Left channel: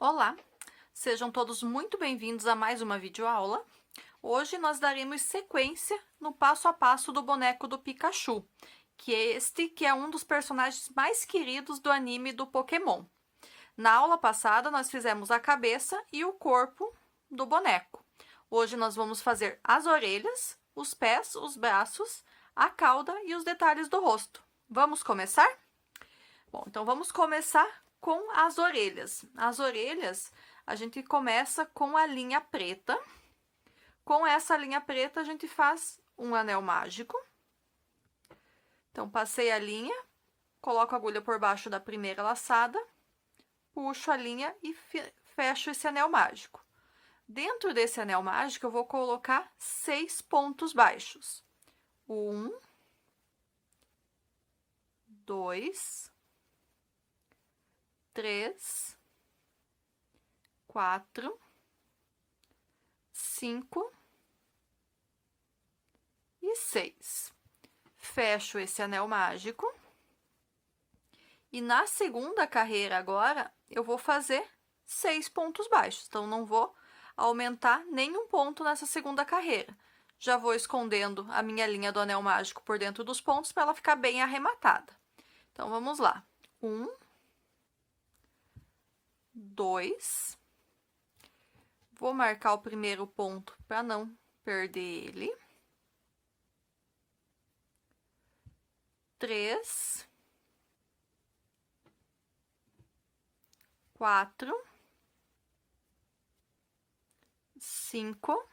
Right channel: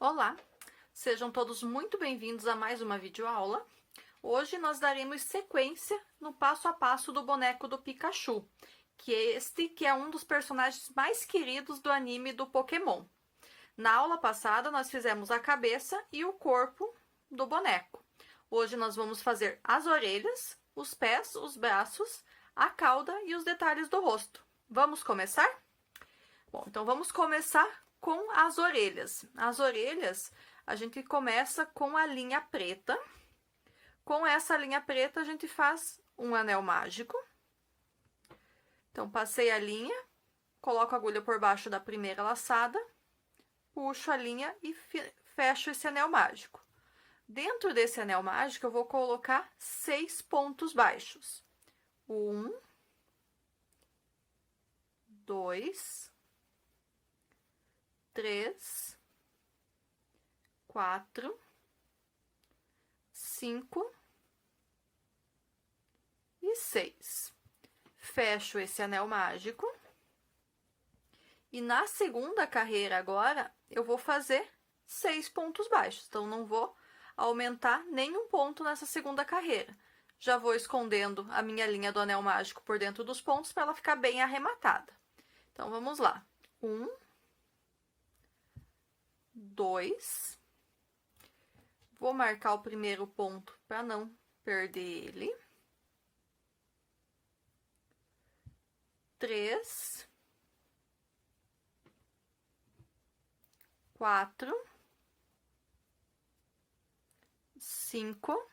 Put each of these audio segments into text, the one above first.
Olá, sejam todos muito bem-vindos a mais uma videoaula. Hoje nós daremos sequência no passo a passo do boneco do Pikachu, que é um dos personagens mais queridos do anime do Pokémon. Na aula passada nós fizemos a cabeça e o corpo do boneco. Hoje nós vamos fazer as orelhas, os pés, os braços, a cauda e os detalhes do rosto. Vamos começar? Bom, então vamos começar com as orelhas. As orelhas, a gente começa com a linha preta. Com essa linha preta, a gente faz um anel mágico. Então, passei a linha, coloco a agulha por baixo da primeira laçada, puxo a linha e fecho esse anel mágico. Dentro desse anel mágico, eu vou colocar 6 pontos baixos. 1, 2, 3, 4, 5 e 6. Fecho esse anel mágico. E na segunda carreira agora, eu vou fazer 6 pontos baixos. Então, não vou aumentar nenhum ponto nessa segunda carreira. Já vou escondendo a minha linha do anel mágico por dentro dos pontos para ela ficar bem arrematada. Então, vamos lá. 1, 2, vou marcar o primeiro ponto para não perder ele. 3, 4, 5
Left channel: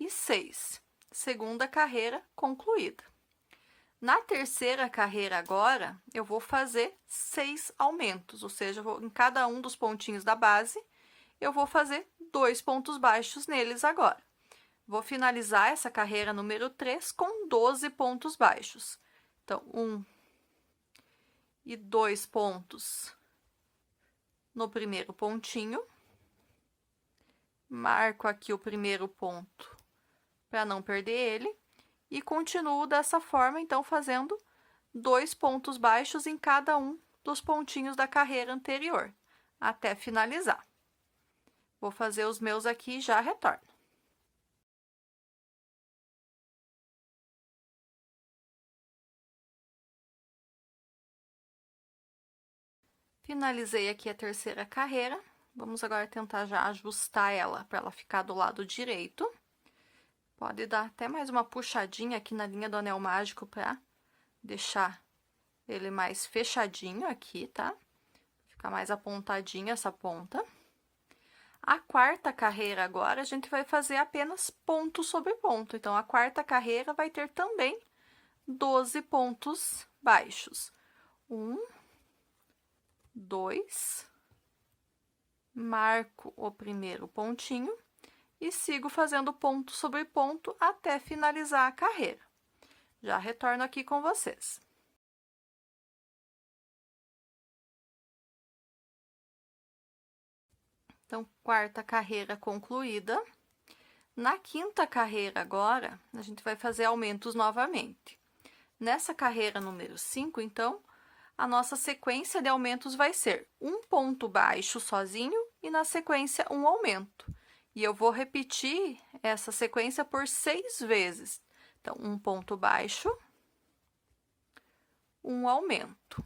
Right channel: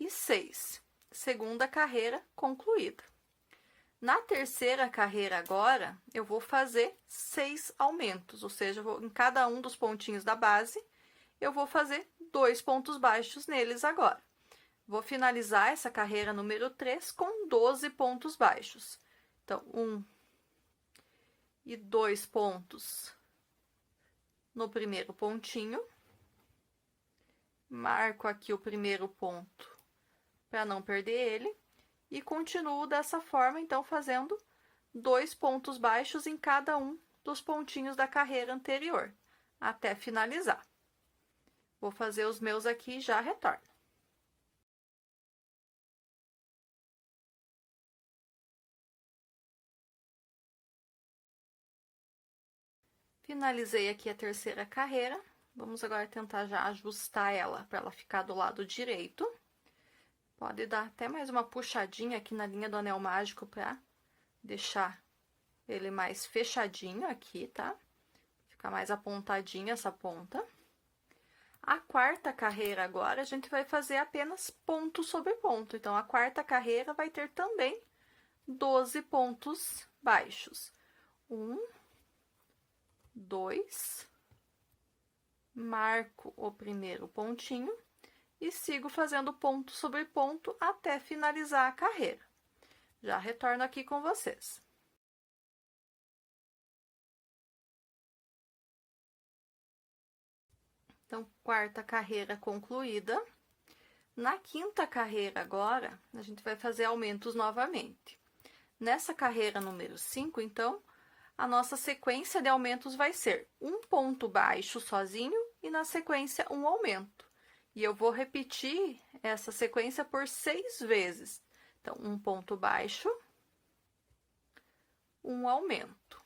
e 6. Segunda carreira concluída. Na terceira carreira agora, eu vou fazer 6 aumentos, ou seja, em cada um dos pontinhos da base, eu vou fazer 2 pontos baixos neles agora. Vou finalizar essa carreira número 3 com 12 pontos baixos. Então, 1 e 2 pontos no primeiro pontinho. Marco aqui o primeiro ponto para não perder ele. E continuo dessa forma, então, fazendo 2 pontos baixos em cada um dos pontinhos da carreira anterior, até finalizar. Vou fazer os meus aqui e já retorno. Finalizei aqui a terceira carreira. Vamos agora tentar já ajustar ela para ela ficar do lado direito. Pode dar até mais uma puxadinha aqui na linha do anel mágico para deixar ele mais fechadinho aqui, tá? Ficar mais apontadinha essa ponta. A quarta carreira agora, a gente vai fazer apenas ponto sobre ponto. Então, a quarta carreira vai ter também 12 pontos baixos. 1, 2, marco o primeiro pontinho e sigo fazendo ponto sobre ponto até finalizar a carreira. Já retorno aqui com vocês. Então, quarta carreira concluída. Na quinta carreira agora, a gente vai fazer aumentos novamente. Nessa carreira número 5, então, a nossa sequência de aumentos vai ser um ponto baixo sozinho e na sequência um aumento. E eu vou repetir essa sequência por 6 vezes. Então, um ponto baixo, um aumento.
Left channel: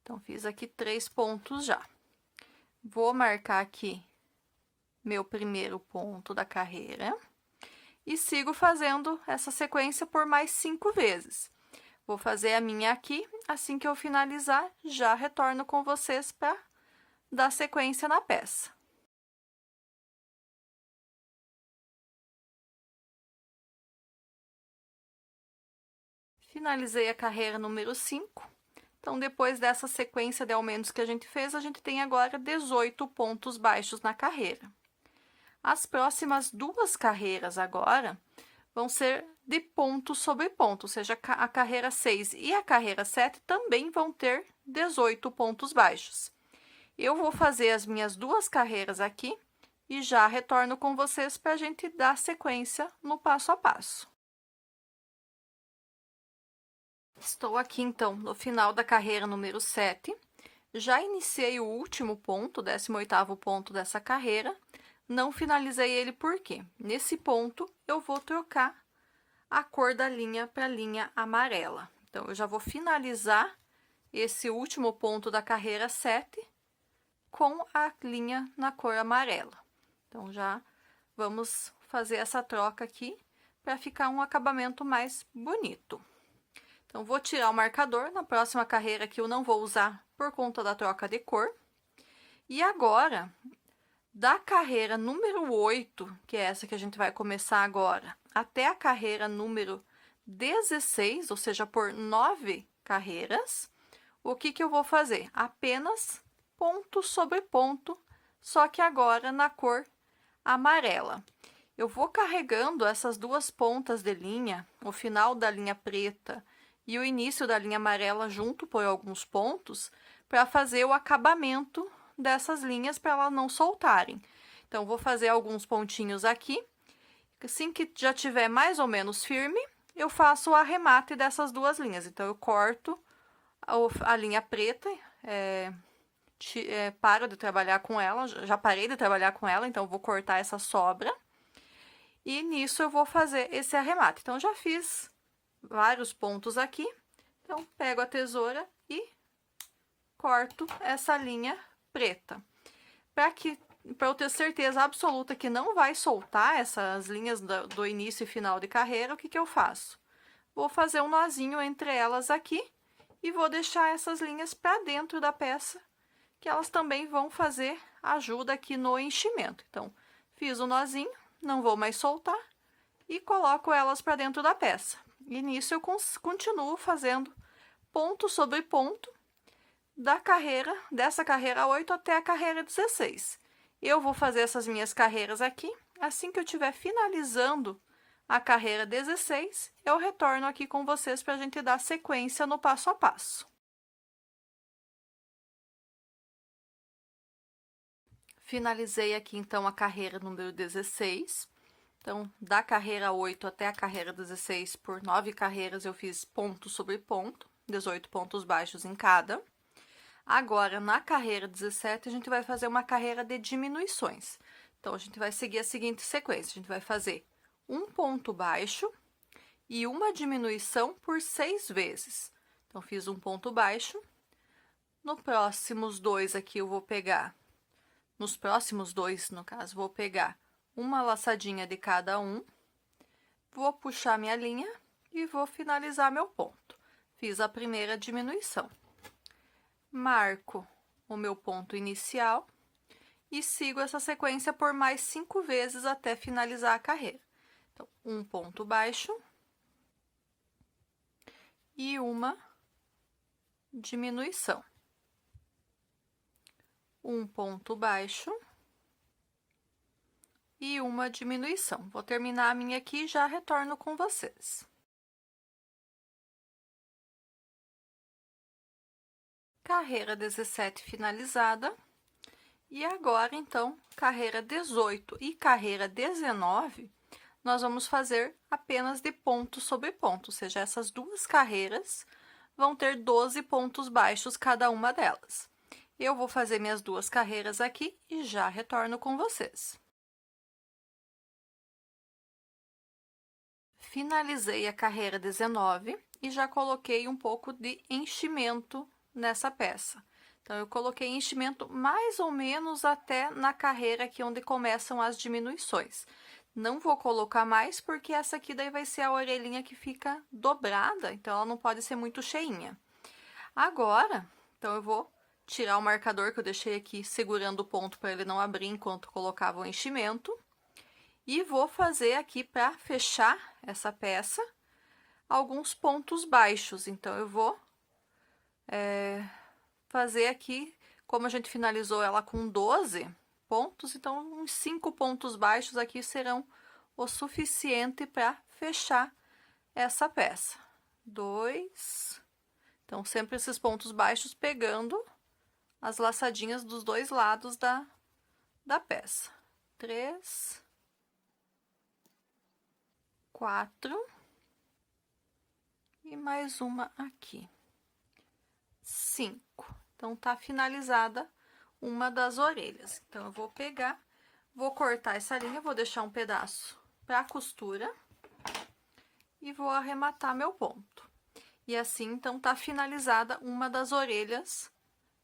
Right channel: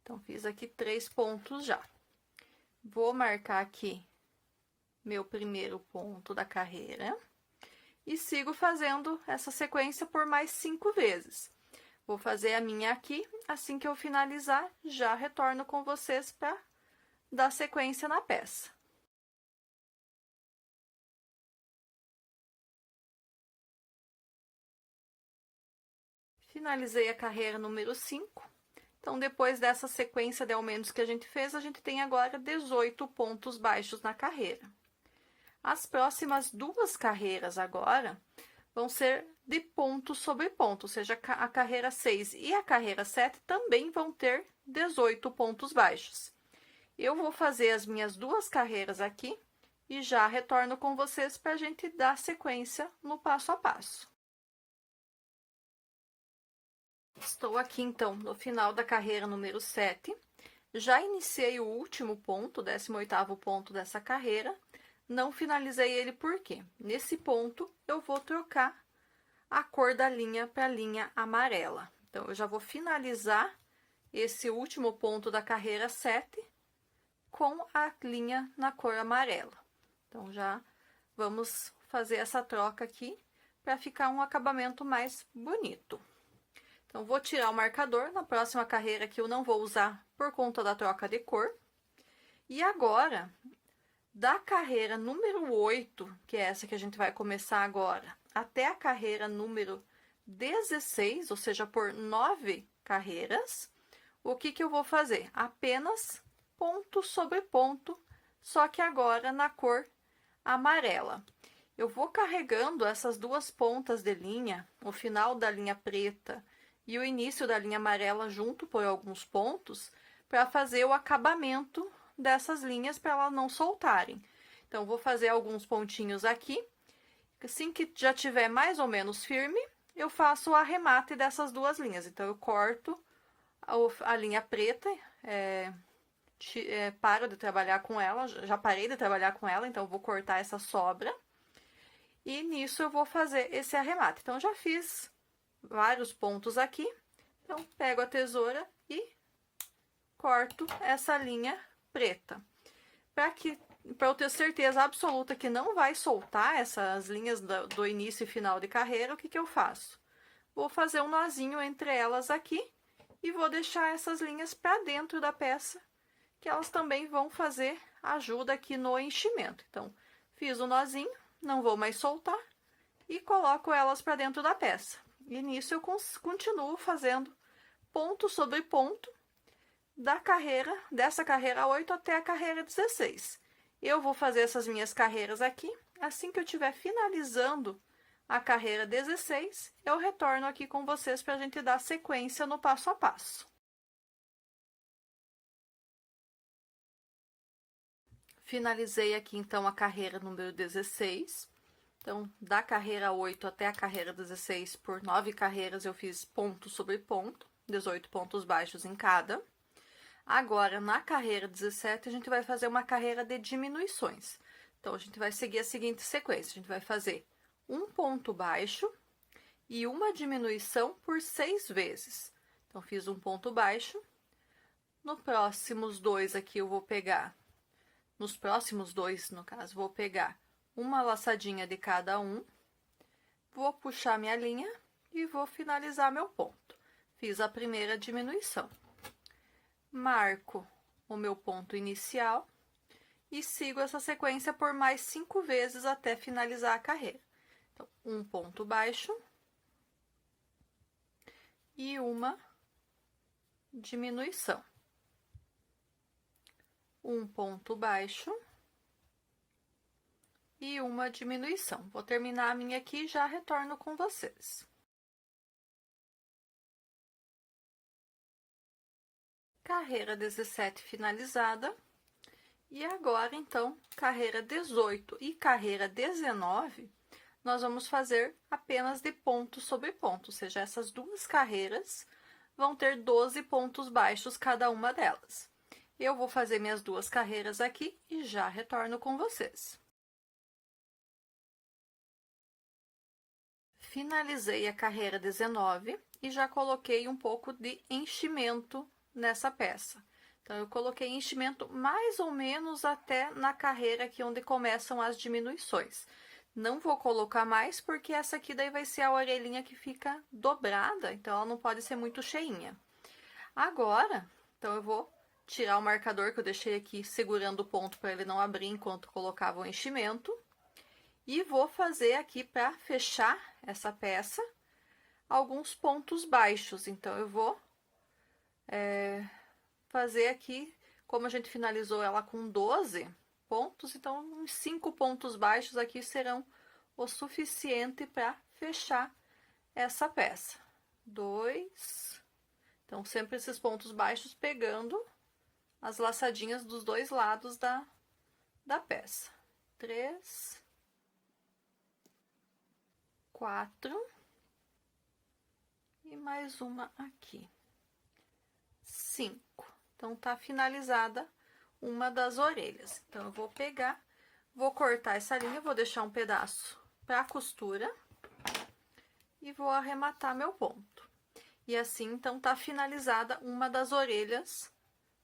Então, fiz aqui 3 pontos já. Vou marcar aqui meu primeiro ponto da carreira e sigo fazendo essa sequência por mais 5 vezes. Vou fazer a minha aqui, assim que eu finalizar, já retorno com vocês para dar sequência na peça. Finalizei a carreira número 5. Então, depois dessa sequência de aumentos que a gente fez, a gente tem agora 18 pontos baixos na carreira. As próximas 2 carreiras agora vão ser de ponto sobre ponto, ou seja, a carreira 6 e a carreira 7 também vão ter 18 pontos baixos. Eu vou fazer as minhas 2 carreiras aqui e já retorno com vocês para a gente dar sequência no passo a passo. Estou aqui, então, no final da carreira número 7. Já iniciei o último ponto, o 18º ponto dessa carreira. Não finalizei ele por quê? Nesse ponto, eu vou trocar a cor da linha para a linha amarela. Então, eu já vou finalizar esse último ponto da carreira 7 com a linha na cor amarela. Então, já vamos fazer essa troca aqui para ficar um acabamento mais bonito. Então, vou tirar o marcador. Na próxima carreira aqui eu não vou usar por conta da troca de cor. E agora, da carreira número 8, que é essa que a gente vai começar agora, até a carreira número 16, ou seja, por 9 carreiras, o que eu vou fazer? Apenas ponto sobre ponto, só que agora na cor amarela. Eu vou carregando essas duas pontas de linha, o final da linha preta e o início da linha amarela junto por alguns pontos, para fazer o acabamento dessas linhas para elas não soltarem. Então, vou fazer alguns pontinhos aqui. Assim que já tiver mais ou menos firme, eu faço o arremate dessas duas linhas. Então, eu corto a linha preta, paro de trabalhar com ela, já parei de trabalhar com ela, então vou cortar essa sobra. E nisso eu vou fazer esse arremate. Então, já fiz vários pontos aqui. Então, pego a tesoura e corto essa linha preta. Para eu ter certeza absoluta que não vai soltar essas linhas do início e final de carreira, o que eu faço? Vou fazer um nozinho entre elas aqui e vou deixar essas linhas para dentro da peça, que elas também vão fazer ajuda aqui no enchimento. Então, fiz o nozinho, não vou mais soltar e coloco elas para dentro da peça. E nisso eu continuo fazendo ponto sobre ponto dessa carreira 8 até a carreira 16. Eu vou fazer essas minhas carreiras aqui. Assim que eu estiver finalizando a carreira 16, eu retorno aqui com vocês para a gente dar sequência no passo a passo. Finalizei aqui, então, a carreira número 16. Então, da carreira 8 até a carreira 16, por 9 carreiras, eu fiz ponto sobre ponto, 18 pontos baixos em cada. Agora, na carreira 17, a gente vai fazer uma carreira de diminuições. Então, a gente vai seguir a seguinte sequência. A gente vai fazer um ponto baixo e uma diminuição por 6 vezes. Então, fiz um ponto baixo. No próximos dois aqui, eu vou pegar... Nos próximos dois, no caso, vou pegar uma laçadinha de cada um. Vou puxar minha linha e vou finalizar meu ponto. Fiz a primeira diminuição. Marco o meu ponto inicial e sigo essa sequência por mais 5 vezes até finalizar a carreira. Então, um ponto baixo e uma diminuição. Um ponto baixo e uma diminuição. Vou terminar a minha aqui e já retorno com vocês. Carreira 17 finalizada. E agora, então, carreira 18 e carreira 19, nós vamos fazer apenas de ponto sobre ponto, ou seja, essas duas carreiras vão ter 12 pontos baixos cada uma delas. Eu vou fazer minhas duas carreiras aqui e já retorno com vocês. Finalizei a carreira 19 e já coloquei um pouco de enchimento nessa peça. Então, eu coloquei enchimento mais ou menos até na carreira aqui onde começam as diminuições. Não vou colocar mais, porque essa aqui daí vai ser a orelhinha que fica dobrada, então ela não pode ser muito cheinha. Agora, então, eu vou tirar o marcador que eu deixei aqui segurando o ponto para ele não abrir enquanto colocava o enchimento. E vou fazer aqui, para fechar essa peça, alguns pontos baixos. Então, eu vou fazer aqui, como a gente finalizou ela com 12 pontos, então uns 5 pontos baixos aqui serão o suficiente para fechar essa peça. 2, então sempre esses pontos baixos pegando as laçadinhas dos dois lados da peça. 3, 4, e mais uma aqui. 5. Então, tá finalizada uma das orelhas. Então, eu vou pegar, vou cortar essa linha, vou deixar um pedaço pra costura e vou arrematar meu ponto. E assim, então, tá finalizada uma das orelhas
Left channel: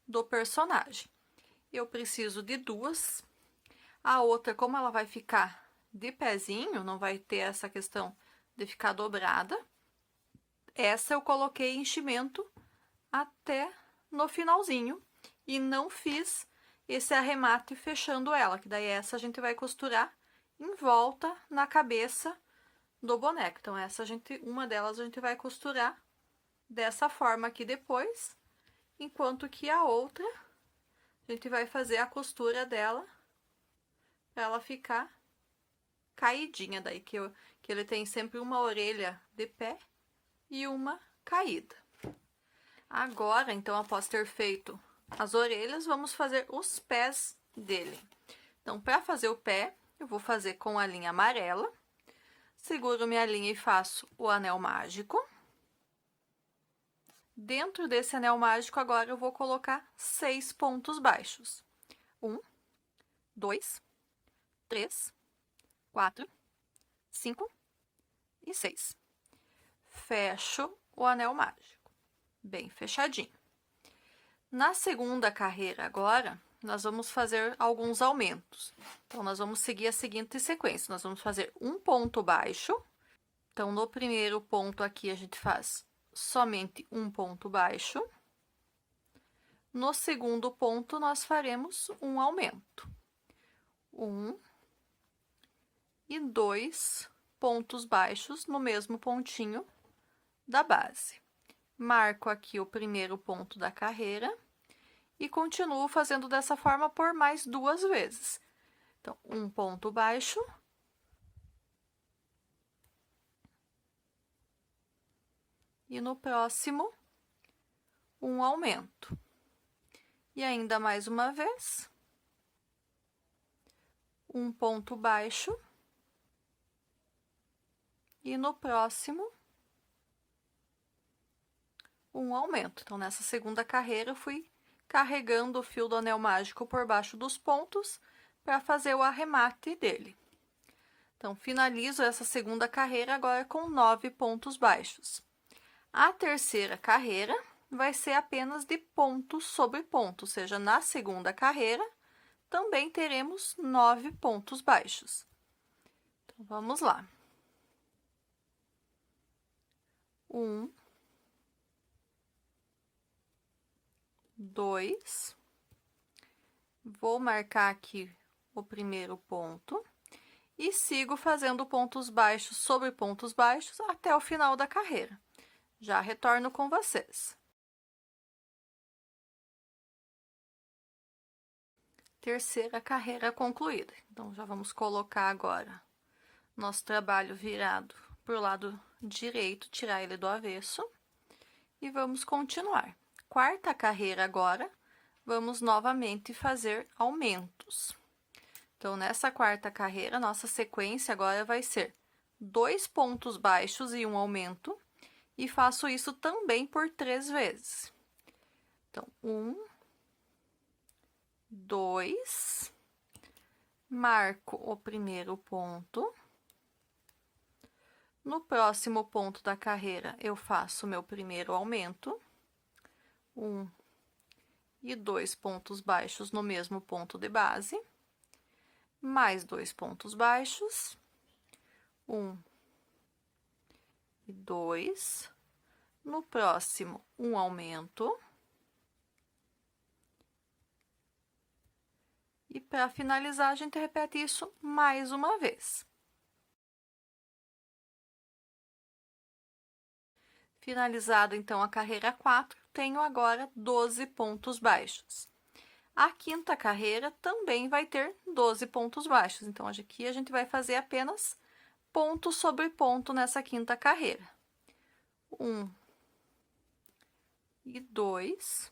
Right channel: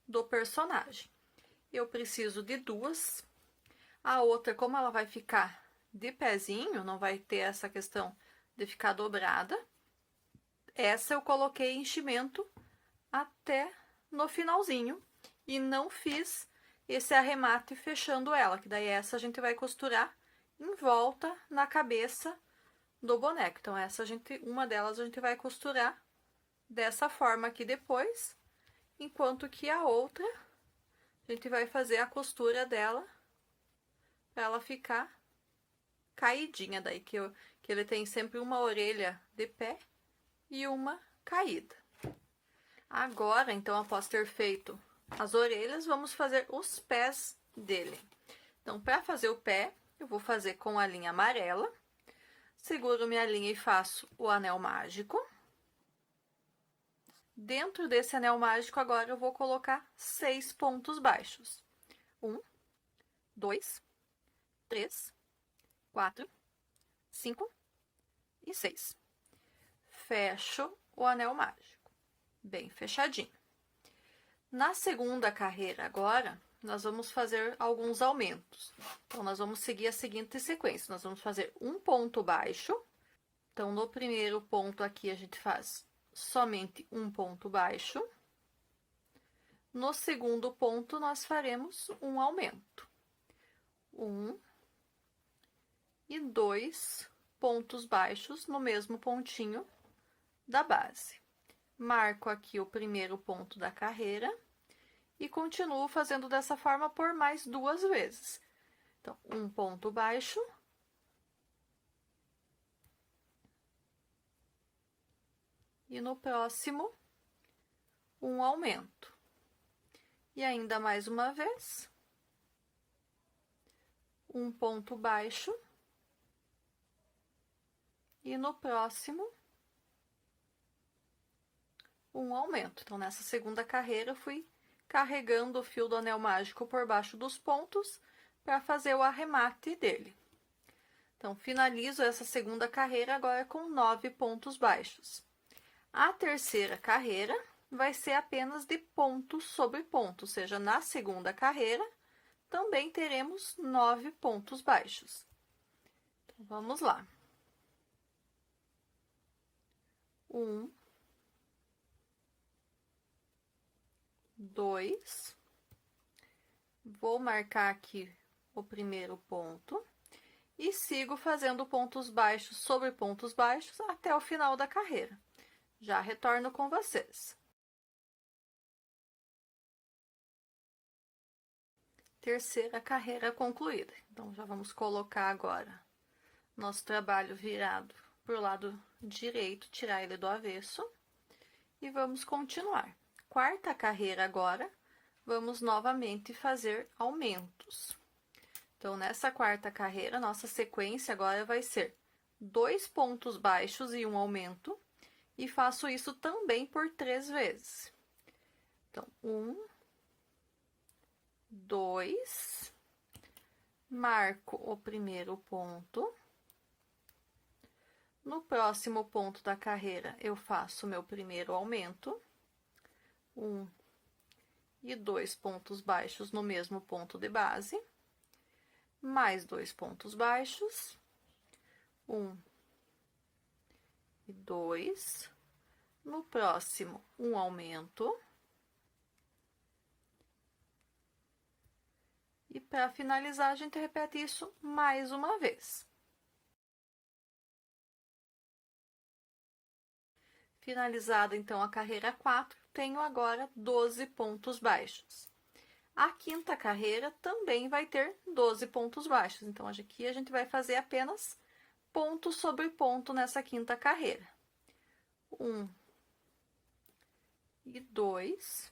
do personagem. Eu preciso de duas. A outra, como ela vai ficar de pezinho, não vai ter essa questão de ficar dobrada, essa eu coloquei enchimento até no finalzinho e não fiz esse arremate fechando ela, que daí essa a gente vai costurar em volta na cabeça do boneco. Então, uma delas a gente vai costurar dessa forma aqui depois, enquanto que a outra a gente vai fazer a costura dela para ela ficar caidinha, daí que ele tem sempre uma orelha de pé e uma caída. Agora, então, após ter feito as orelhas, vamos fazer os pés dele. Então, para fazer o pé, eu vou fazer com a linha amarela. Seguro minha linha e faço o anel mágico. Dentro desse anel mágico, agora eu vou colocar 6 pontos baixos. 1, 2, 3, 4, 5 e 6. Fecho o anel mágico, bem fechadinho. Na segunda carreira agora, nós vamos fazer alguns aumentos. Então, nós vamos seguir a seguinte sequência. Nós vamos fazer um ponto baixo. Então, no primeiro ponto aqui, a gente faz somente um ponto baixo. No segundo ponto, nós faremos um aumento. 1 e 2 pontos baixos no mesmo pontinho da base. Marco aqui o primeiro ponto da carreira e continuo fazendo dessa forma por mais 2 vezes. Então, um ponto baixo. E no próximo, um aumento. E ainda mais uma vez, um ponto baixo. E no próximo, um aumento. Então, nessa segunda carreira, eu fui carregando o fio do anel mágico por baixo dos pontos para fazer o arremate dele. Então, finalizo essa segunda carreira agora com 9 pontos baixos. A terceira carreira vai ser apenas de ponto sobre ponto, ou seja, na segunda carreira também teremos 9 pontos baixos. Então, vamos lá. 1, 2, vou marcar aqui o primeiro ponto e sigo fazendo pontos baixos sobre pontos baixos até o final da carreira. Já retorno com vocês. Terceira carreira concluída. Então, já vamos colocar agora nosso trabalho virado para o lado direito, tirar ele do avesso. E vamos continuar. Quarta carreira agora, vamos novamente fazer aumentos. Então, nessa quarta carreira, nossa sequência agora vai ser 2 pontos baixos e um aumento. E faço isso também por 3 vezes. Então, 1, 2, marco o primeiro ponto. No próximo ponto da carreira, eu faço o meu primeiro aumento. 1 e 2 pontos baixos no mesmo ponto de base. Mais 2 pontos baixos. 1 e 2. No próximo, um aumento. E para finalizar, a gente repete isso mais uma vez. Finalizado, então, a carreira 4, tenho agora 12 pontos baixos. A quinta carreira também vai ter 12 pontos baixos. Então, aqui a gente vai fazer apenas ponto sobre ponto nessa quinta carreira. 1 e 2.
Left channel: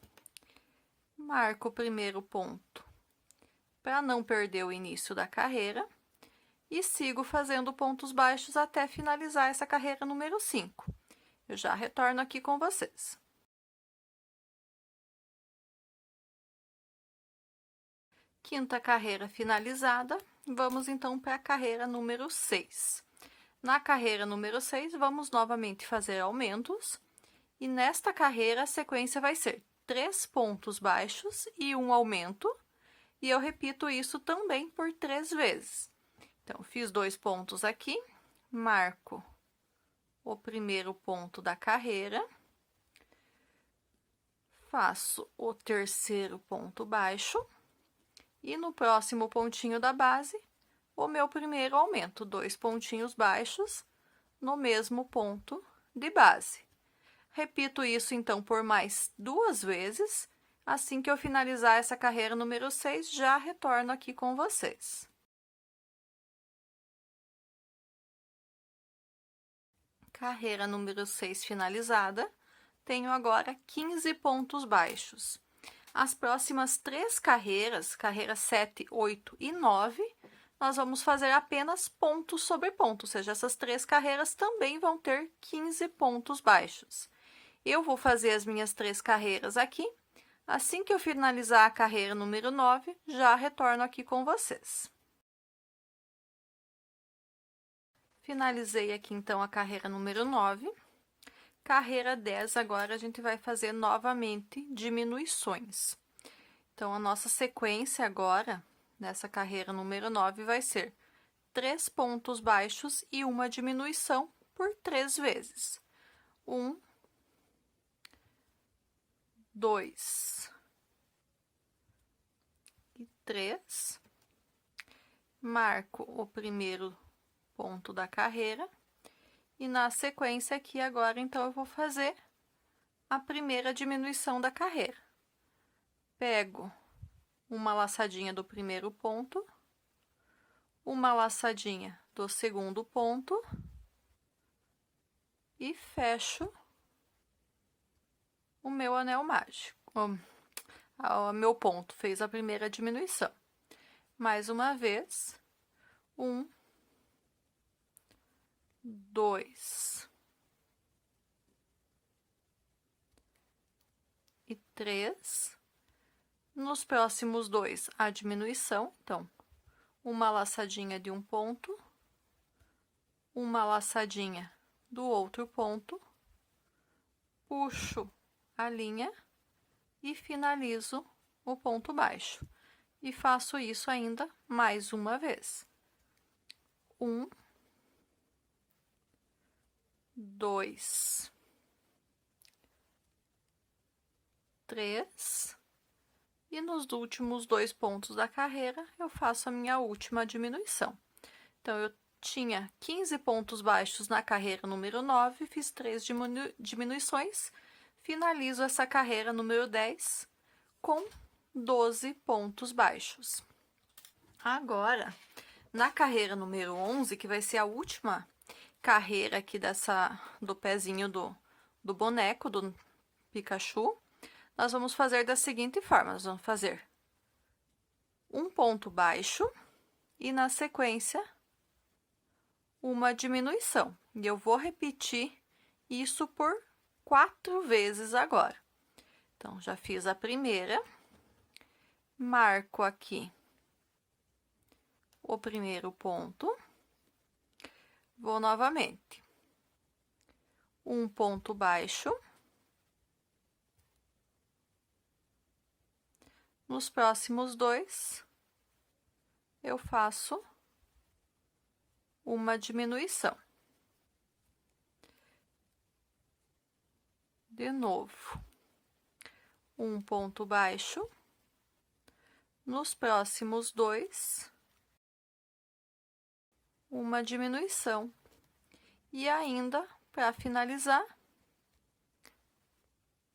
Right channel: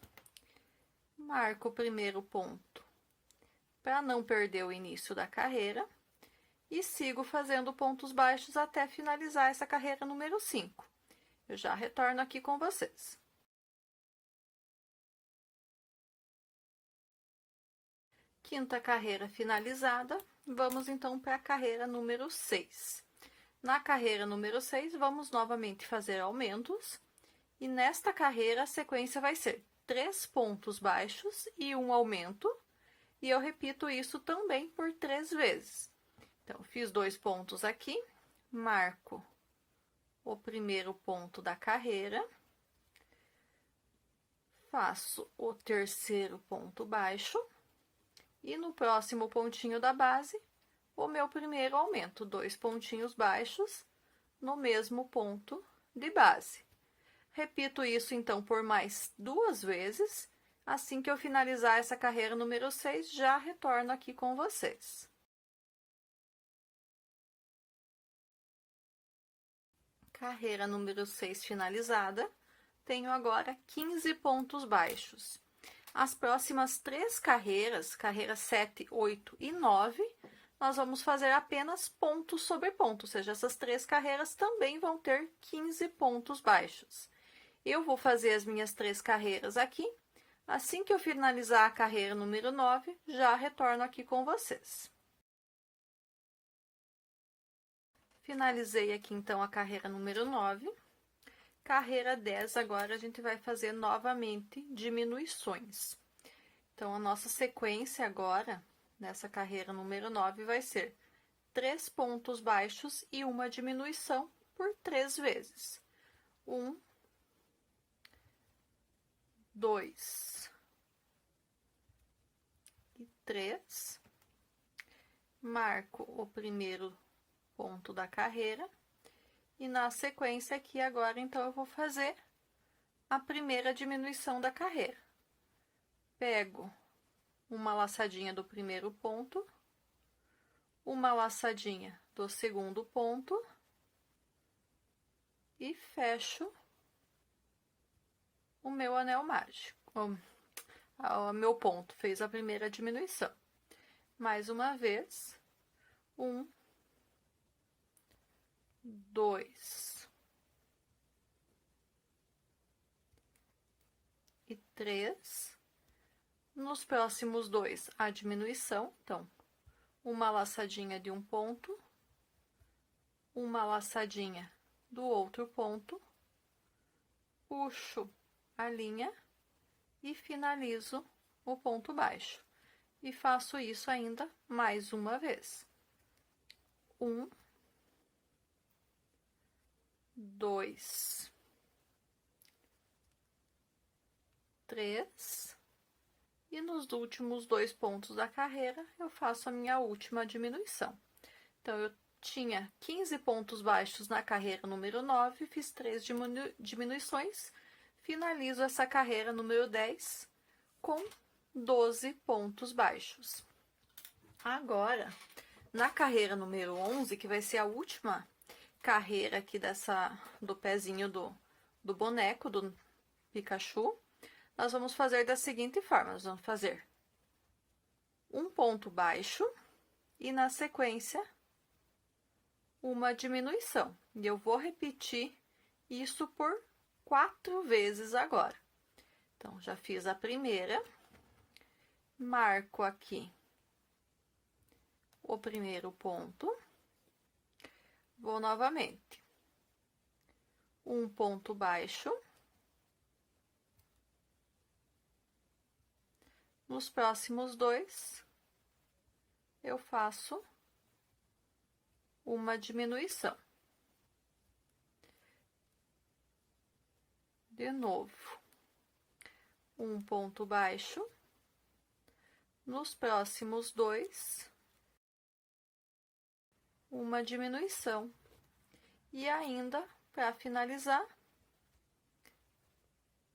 Marco o primeiro ponto para não perder o início da carreira. E sigo fazendo pontos baixos até finalizar essa carreira número 5. Eu já retorno aqui com vocês. Quinta carreira finalizada, vamos então para a carreira número 6. Na carreira número 6, vamos novamente fazer aumentos, e nesta carreira a sequência vai ser 3 pontos baixos e um aumento, e eu repito isso também por 3 vezes. Então, fiz 2 pontos aqui, marco o primeiro ponto da carreira, faço o terceiro ponto baixo, e no próximo pontinho da base, o meu primeiro aumento, 2 pontinhos baixos no mesmo ponto de base. Repito isso, então, por mais 2 vezes. Assim que eu finalizar essa carreira número 6, já retorno aqui com vocês. Carreira número 6 finalizada, tenho agora 15 pontos baixos. As próximas 3 carreiras, carreira 7, 8 e 9, nós vamos fazer apenas ponto sobre ponto, ou seja, essas 3 carreiras também vão ter 15 pontos baixos. Eu vou fazer as minhas 3 carreiras aqui. Assim que eu finalizar a carreira número 9, já retorno aqui com vocês. Finalizei aqui, então, a carreira número 9. Carreira 10, agora a gente vai fazer novamente diminuições. Então, a nossa sequência agora, nessa carreira número 9, vai ser 3 pontos baixos e uma diminuição por 3 vezes. 1, 2 e 3. Marco o primeiro ponto da carreira. E na sequência aqui agora, então, eu vou fazer a primeira diminuição da carreira. Pego uma laçadinha do primeiro ponto, uma laçadinha do segundo ponto e fecho o meu anel mágico. O meu ponto fez a primeira diminuição. Mais uma vez, 1, 2 e 3. Nos próximos 2, a diminuição. Então, uma laçadinha de um ponto, uma laçadinha do outro ponto, puxo a linha e finalizo o ponto baixo. E faço isso ainda mais uma vez. 1, 2, 3, e nos últimos 2 pontos da carreira, eu faço a minha última diminuição. Então, eu tinha 15 pontos baixos na carreira número 9, fiz 3 diminuições, finalizo essa carreira número 10 com 12 pontos baixos. Agora, na carreira número 11, que vai ser a última carreira aqui do pezinho do boneco, do Pikachu, nós vamos fazer da seguinte forma: nós vamos fazer um ponto baixo e, na sequência, uma diminuição. E eu vou repetir isso por 4 vezes agora. Então, já fiz a primeira, marco aqui o primeiro ponto, vou novamente. Um ponto baixo. Nos próximos 2, eu faço uma diminuição. De novo, um ponto baixo. Nos próximos 2, uma diminuição. E ainda, para finalizar,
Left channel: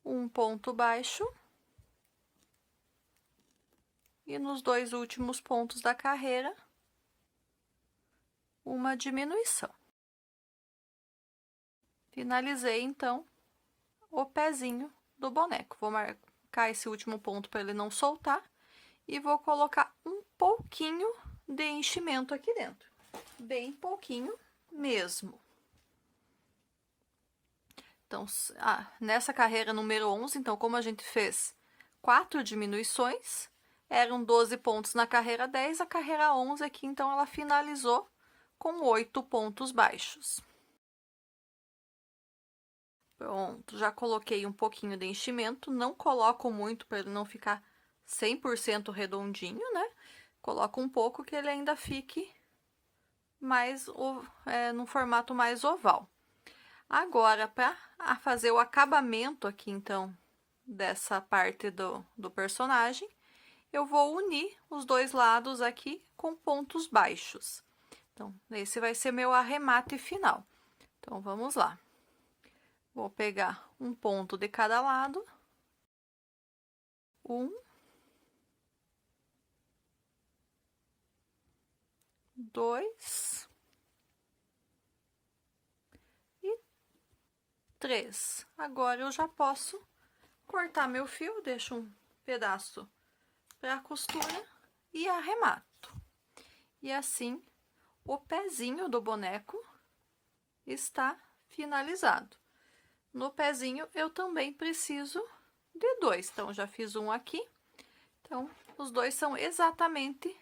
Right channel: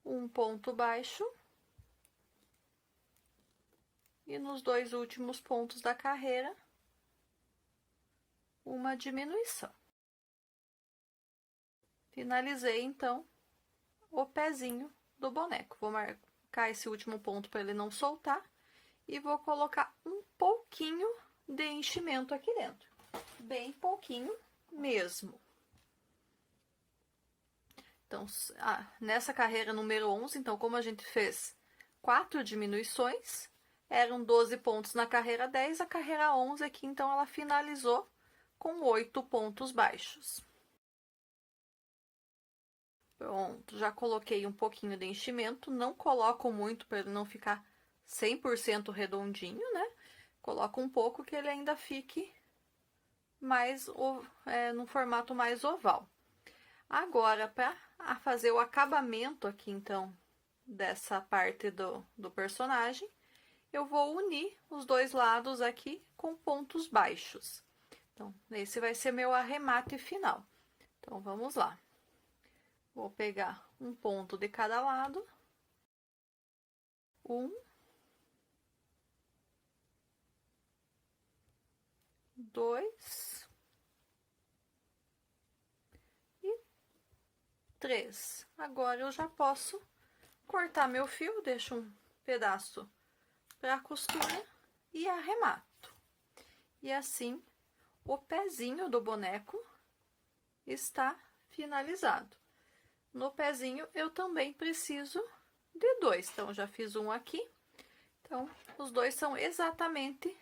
um ponto baixo. E nos 2 últimos pontos da carreira, uma diminuição. Finalizei, então, o pezinho do boneco. Vou marcar esse último ponto para ele não soltar e vou colocar um pouquinho de enchimento aqui dentro. Bem pouquinho mesmo. Então, nessa carreira número 11, então, como a gente fez 4 diminuições, eram 12 pontos na carreira 10, a carreira 11 aqui, então, ela finalizou com 8 pontos baixos. Pronto, já coloquei um pouquinho de enchimento, não coloco muito para ele não ficar 100% redondinho, né? Coloco um pouco que ele ainda fique mais no formato mais oval. Agora, para fazer o acabamento aqui, então, dessa parte do personagem, eu vou unir os dois lados aqui com pontos baixos. Então, esse vai ser meu arremate final. Então, vamos lá. Vou pegar um ponto de cada lado. 1, 2 e 3. Agora eu já posso cortar meu fio, deixo um pedaço para a costura e arremato. E assim, o pezinho do boneco está finalizado. No pezinho, eu também preciso de 2. Então, já fiz um aqui. Então, os dois são exatamente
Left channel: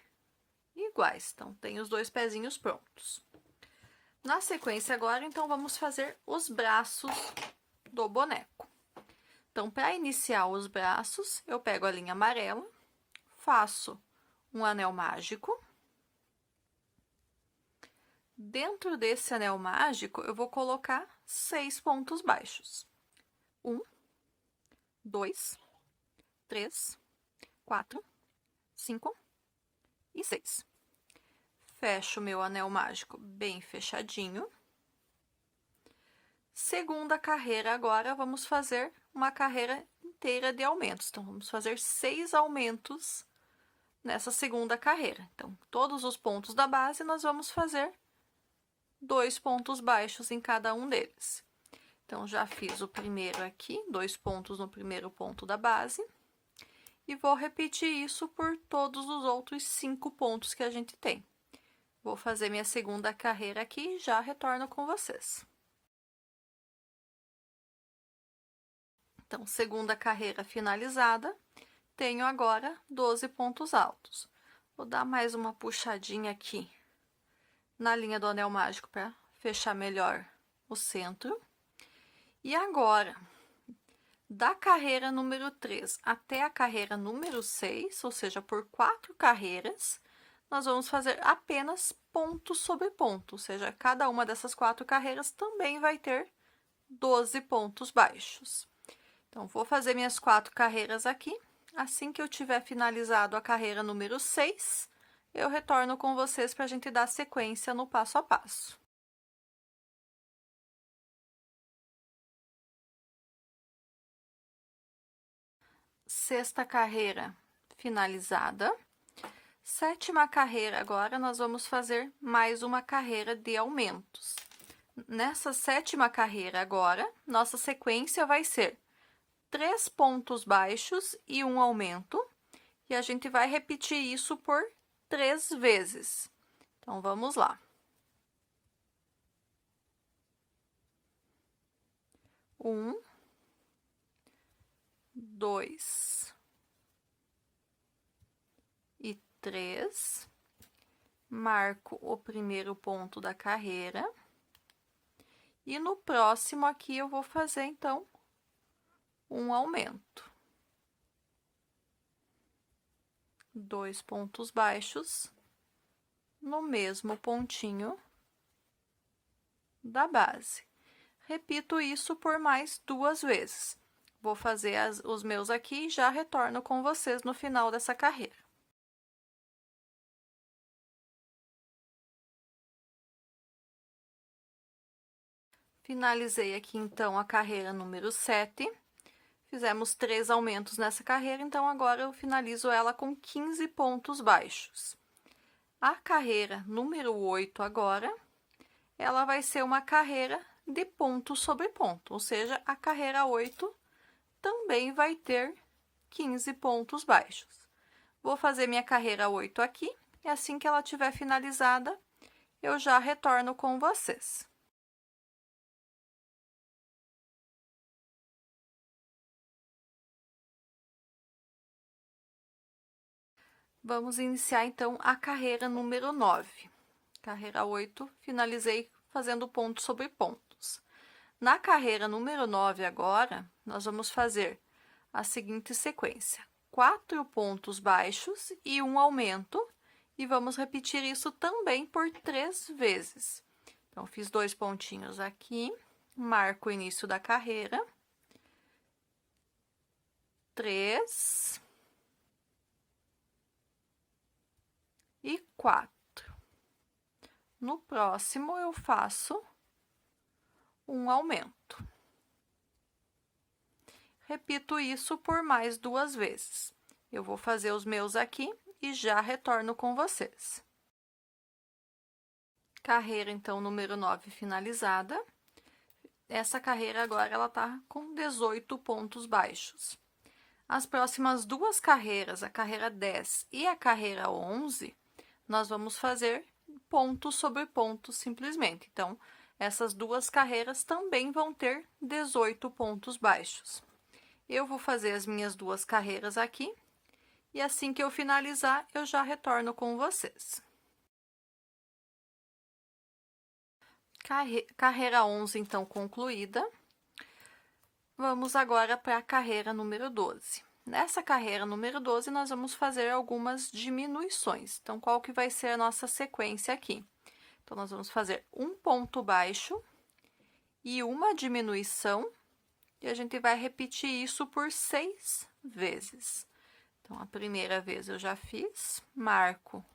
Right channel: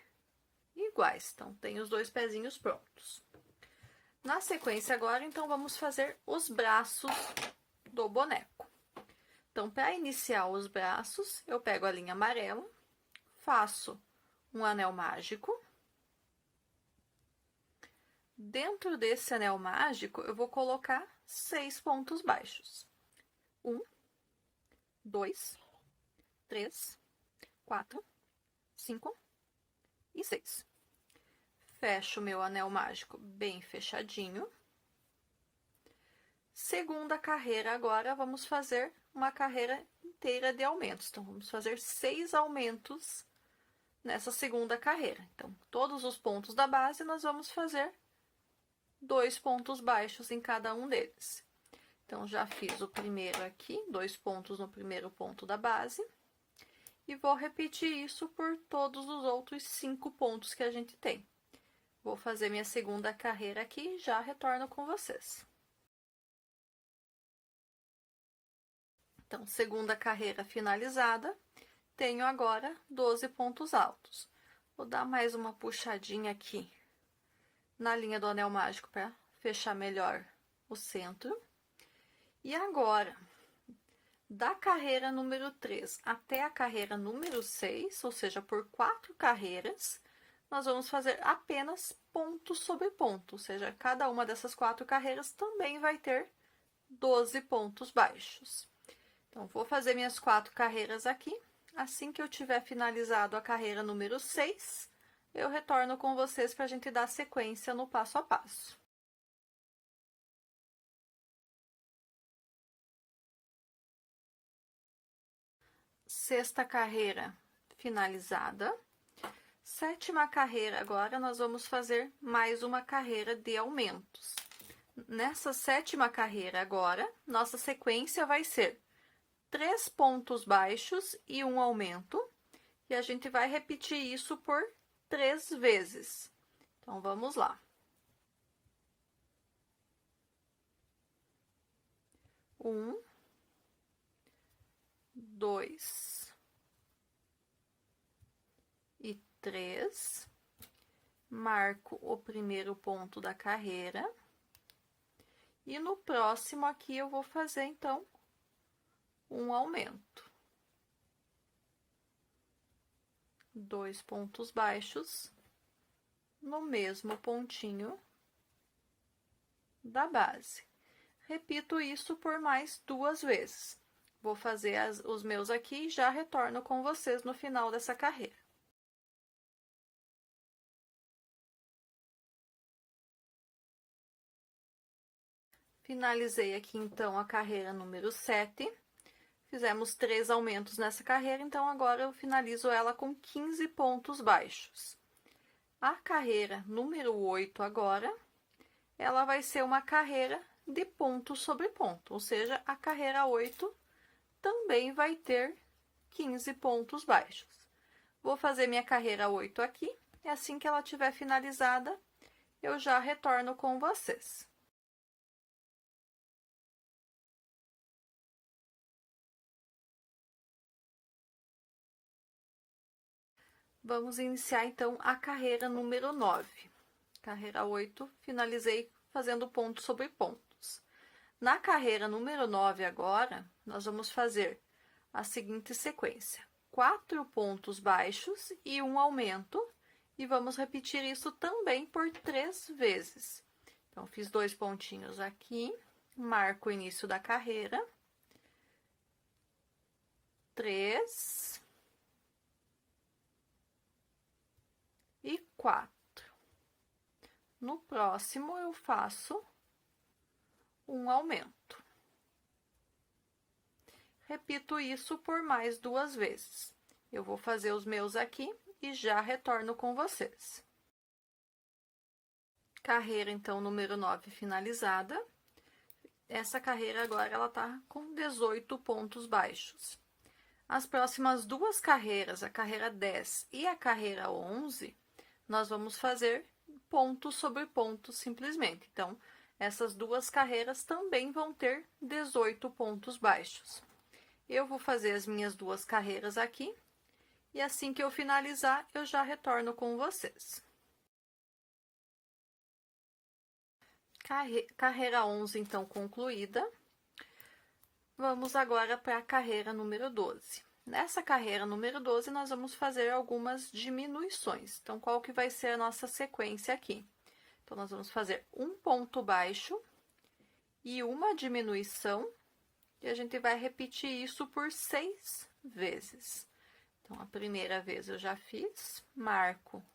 iguais. Então, tem os 2 pezinhos prontos. Na sequência agora, então, vamos fazer os braços do boneco. Então, para iniciar os braços, eu pego a linha amarela, faço um anel mágico. Dentro desse anel mágico, eu vou colocar 6 pontos baixos. 1, 2, 3, 4, 5 e 6. Fecho meu anel mágico bem fechadinho. Segunda carreira agora, vamos fazer uma carreira inteira de aumentos. Então, vamos fazer 6 aumentos nessa segunda carreira. Então, todos os pontos da base, nós vamos fazer 2 pontos baixos em cada um deles. Então, já fiz o primeiro aqui, 2 pontos no primeiro ponto da base. E vou repetir isso por todos os outros 5 pontos que a gente tem. Vou fazer minha segunda carreira aqui e já retorno com vocês. Então, segunda carreira finalizada, tenho agora 12 pontos altos. Vou dar mais uma puxadinha aqui na linha do anel mágico para fechar melhor o centro. E agora, da carreira número 3 até a carreira número 6, ou seja, por 4 carreiras, nós vamos fazer apenas ponto sobre ponto, ou seja, cada uma dessas 4 carreiras também vai ter 12 pontos baixos. Então, vou fazer minhas 4 carreiras aqui. Assim que eu tiver finalizado a carreira número 6, eu retorno com vocês para a gente dar sequência no passo a passo. Sexta carreira finalizada. Sétima carreira, agora nós vamos fazer mais uma carreira de aumentos. Nessa sétima carreira agora, nossa sequência vai ser 3 pontos baixos e um aumento. E a gente vai repetir isso por 3 vezes. Então, vamos lá. 1, 2 e 3. Marco o primeiro ponto da carreira. E no próximo aqui eu vou fazer, então, um aumento. 2 pontos baixos no mesmo pontinho da base. Repito isso por mais 2 vezes. Vou fazer os meus aqui e já retorno com vocês no final dessa carreira. Finalizei aqui, então, a carreira número 7. Fizemos 3 aumentos nessa carreira, então agora eu finalizo ela com 15 pontos baixos. A carreira número 8 agora, ela vai ser uma carreira de ponto sobre ponto, ou seja, a carreira 8 também vai ter 15 pontos baixos. Vou fazer minha carreira 8 aqui, e assim que ela estiver finalizada, eu já retorno com vocês. Vamos iniciar, então, a carreira número 9. Carreira 8, finalizei fazendo ponto sobre pontos. Na carreira número 9 agora, nós vamos fazer a seguinte sequência: 4 pontos baixos e um aumento, e vamos repetir isso também por 3 vezes. Então, fiz 2 pontinhos aqui, marco o início da carreira, 3 e 4. No próximo, eu faço um aumento. Repito isso por mais 2 vezes. Eu vou fazer os meus aqui e já retorno com vocês. Carreira, então, número 9 finalizada. Essa carreira agora, ela tá com 18 pontos baixos. As próximas 2 carreiras, a carreira 10 e a carreira 11, nós vamos fazer ponto sobre ponto simplesmente. Então, essas 2 carreiras também vão ter 18 pontos baixos. Eu vou fazer as minhas 2 carreiras aqui, e assim que eu finalizar, eu já retorno com vocês. Carreira 11, então, concluída. Vamos agora para a carreira número 12. Nessa carreira número 12, nós vamos fazer algumas diminuições. Então, qual que vai ser a nossa sequência aqui? Então, nós vamos fazer um ponto baixo e uma diminuição, e a gente vai repetir isso por 6 vezes. Então, a primeira vez eu já fiz, marco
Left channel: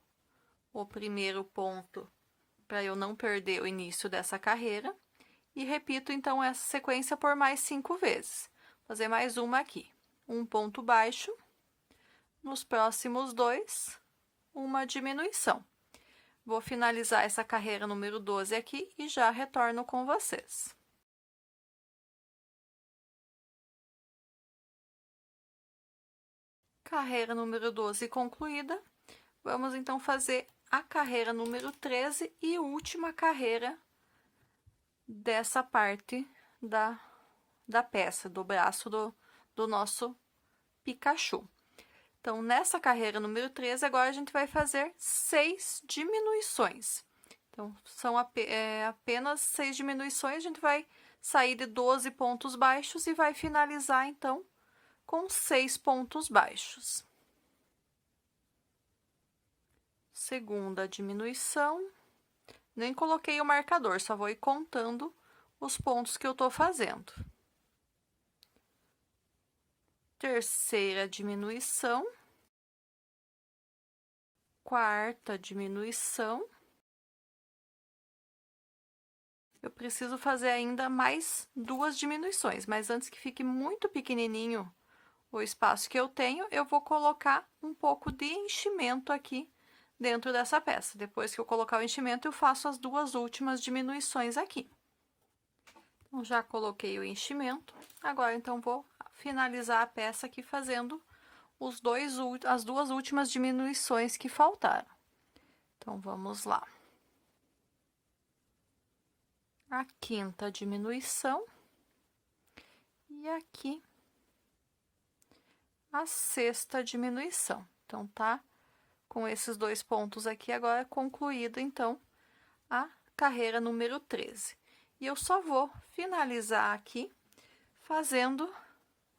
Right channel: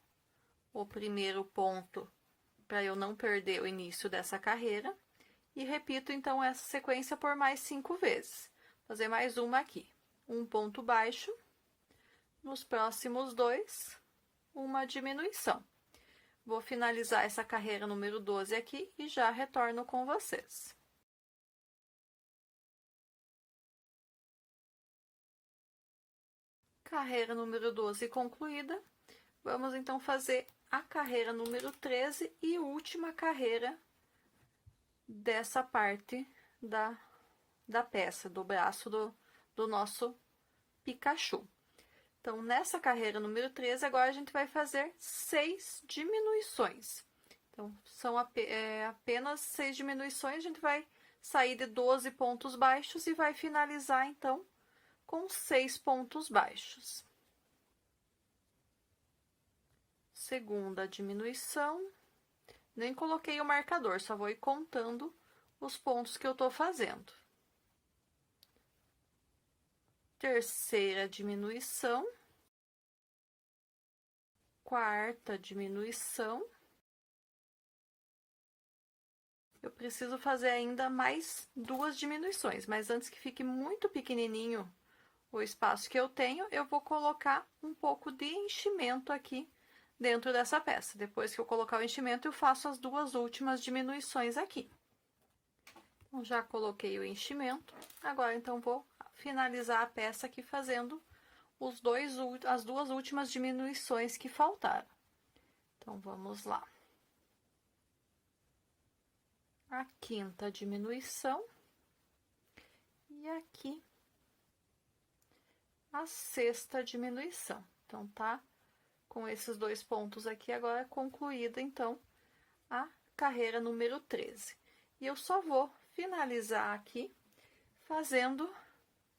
o primeiro ponto para eu não perder o início dessa carreira, e repito, então, essa sequência por mais 5 vezes. Vou fazer mais uma aqui. Um ponto baixo, nos próximos 2, uma diminuição. Vou finalizar essa carreira número 12 aqui e já retorno com vocês. Carreira número 12 concluída. Vamos, então, fazer a carreira número 13 e última carreira dessa parte da peça, do braço do nosso Pikachu. Então, nessa carreira número 13, agora a gente vai fazer 6 diminuições. Então, são apenas 6 diminuições, a gente vai sair de 12 pontos baixos e vai finalizar, então, com 6 pontos baixos. Segunda diminuição. Nem coloquei o marcador, só vou ir contando os pontos que eu tô fazendo. Terceira diminuição. Quarta diminuição. Eu preciso fazer ainda mais 2 diminuições, mas antes que fique muito pequenininho o espaço que eu tenho, eu vou colocar um pouco de enchimento aqui dentro dessa peça. Depois que eu colocar o enchimento, eu faço as 2 últimas diminuições aqui. Então, já coloquei o enchimento. Agora, então, vou finalizar a peça aqui fazendo as 2 últimas diminuições que faltaram. Então, vamos lá. A quinta diminuição. E aqui, a sexta diminuição. Então, tá com esses 2 pontos aqui, agora concluída, então, a carreira número 13. E eu só vou finalizar aqui fazendo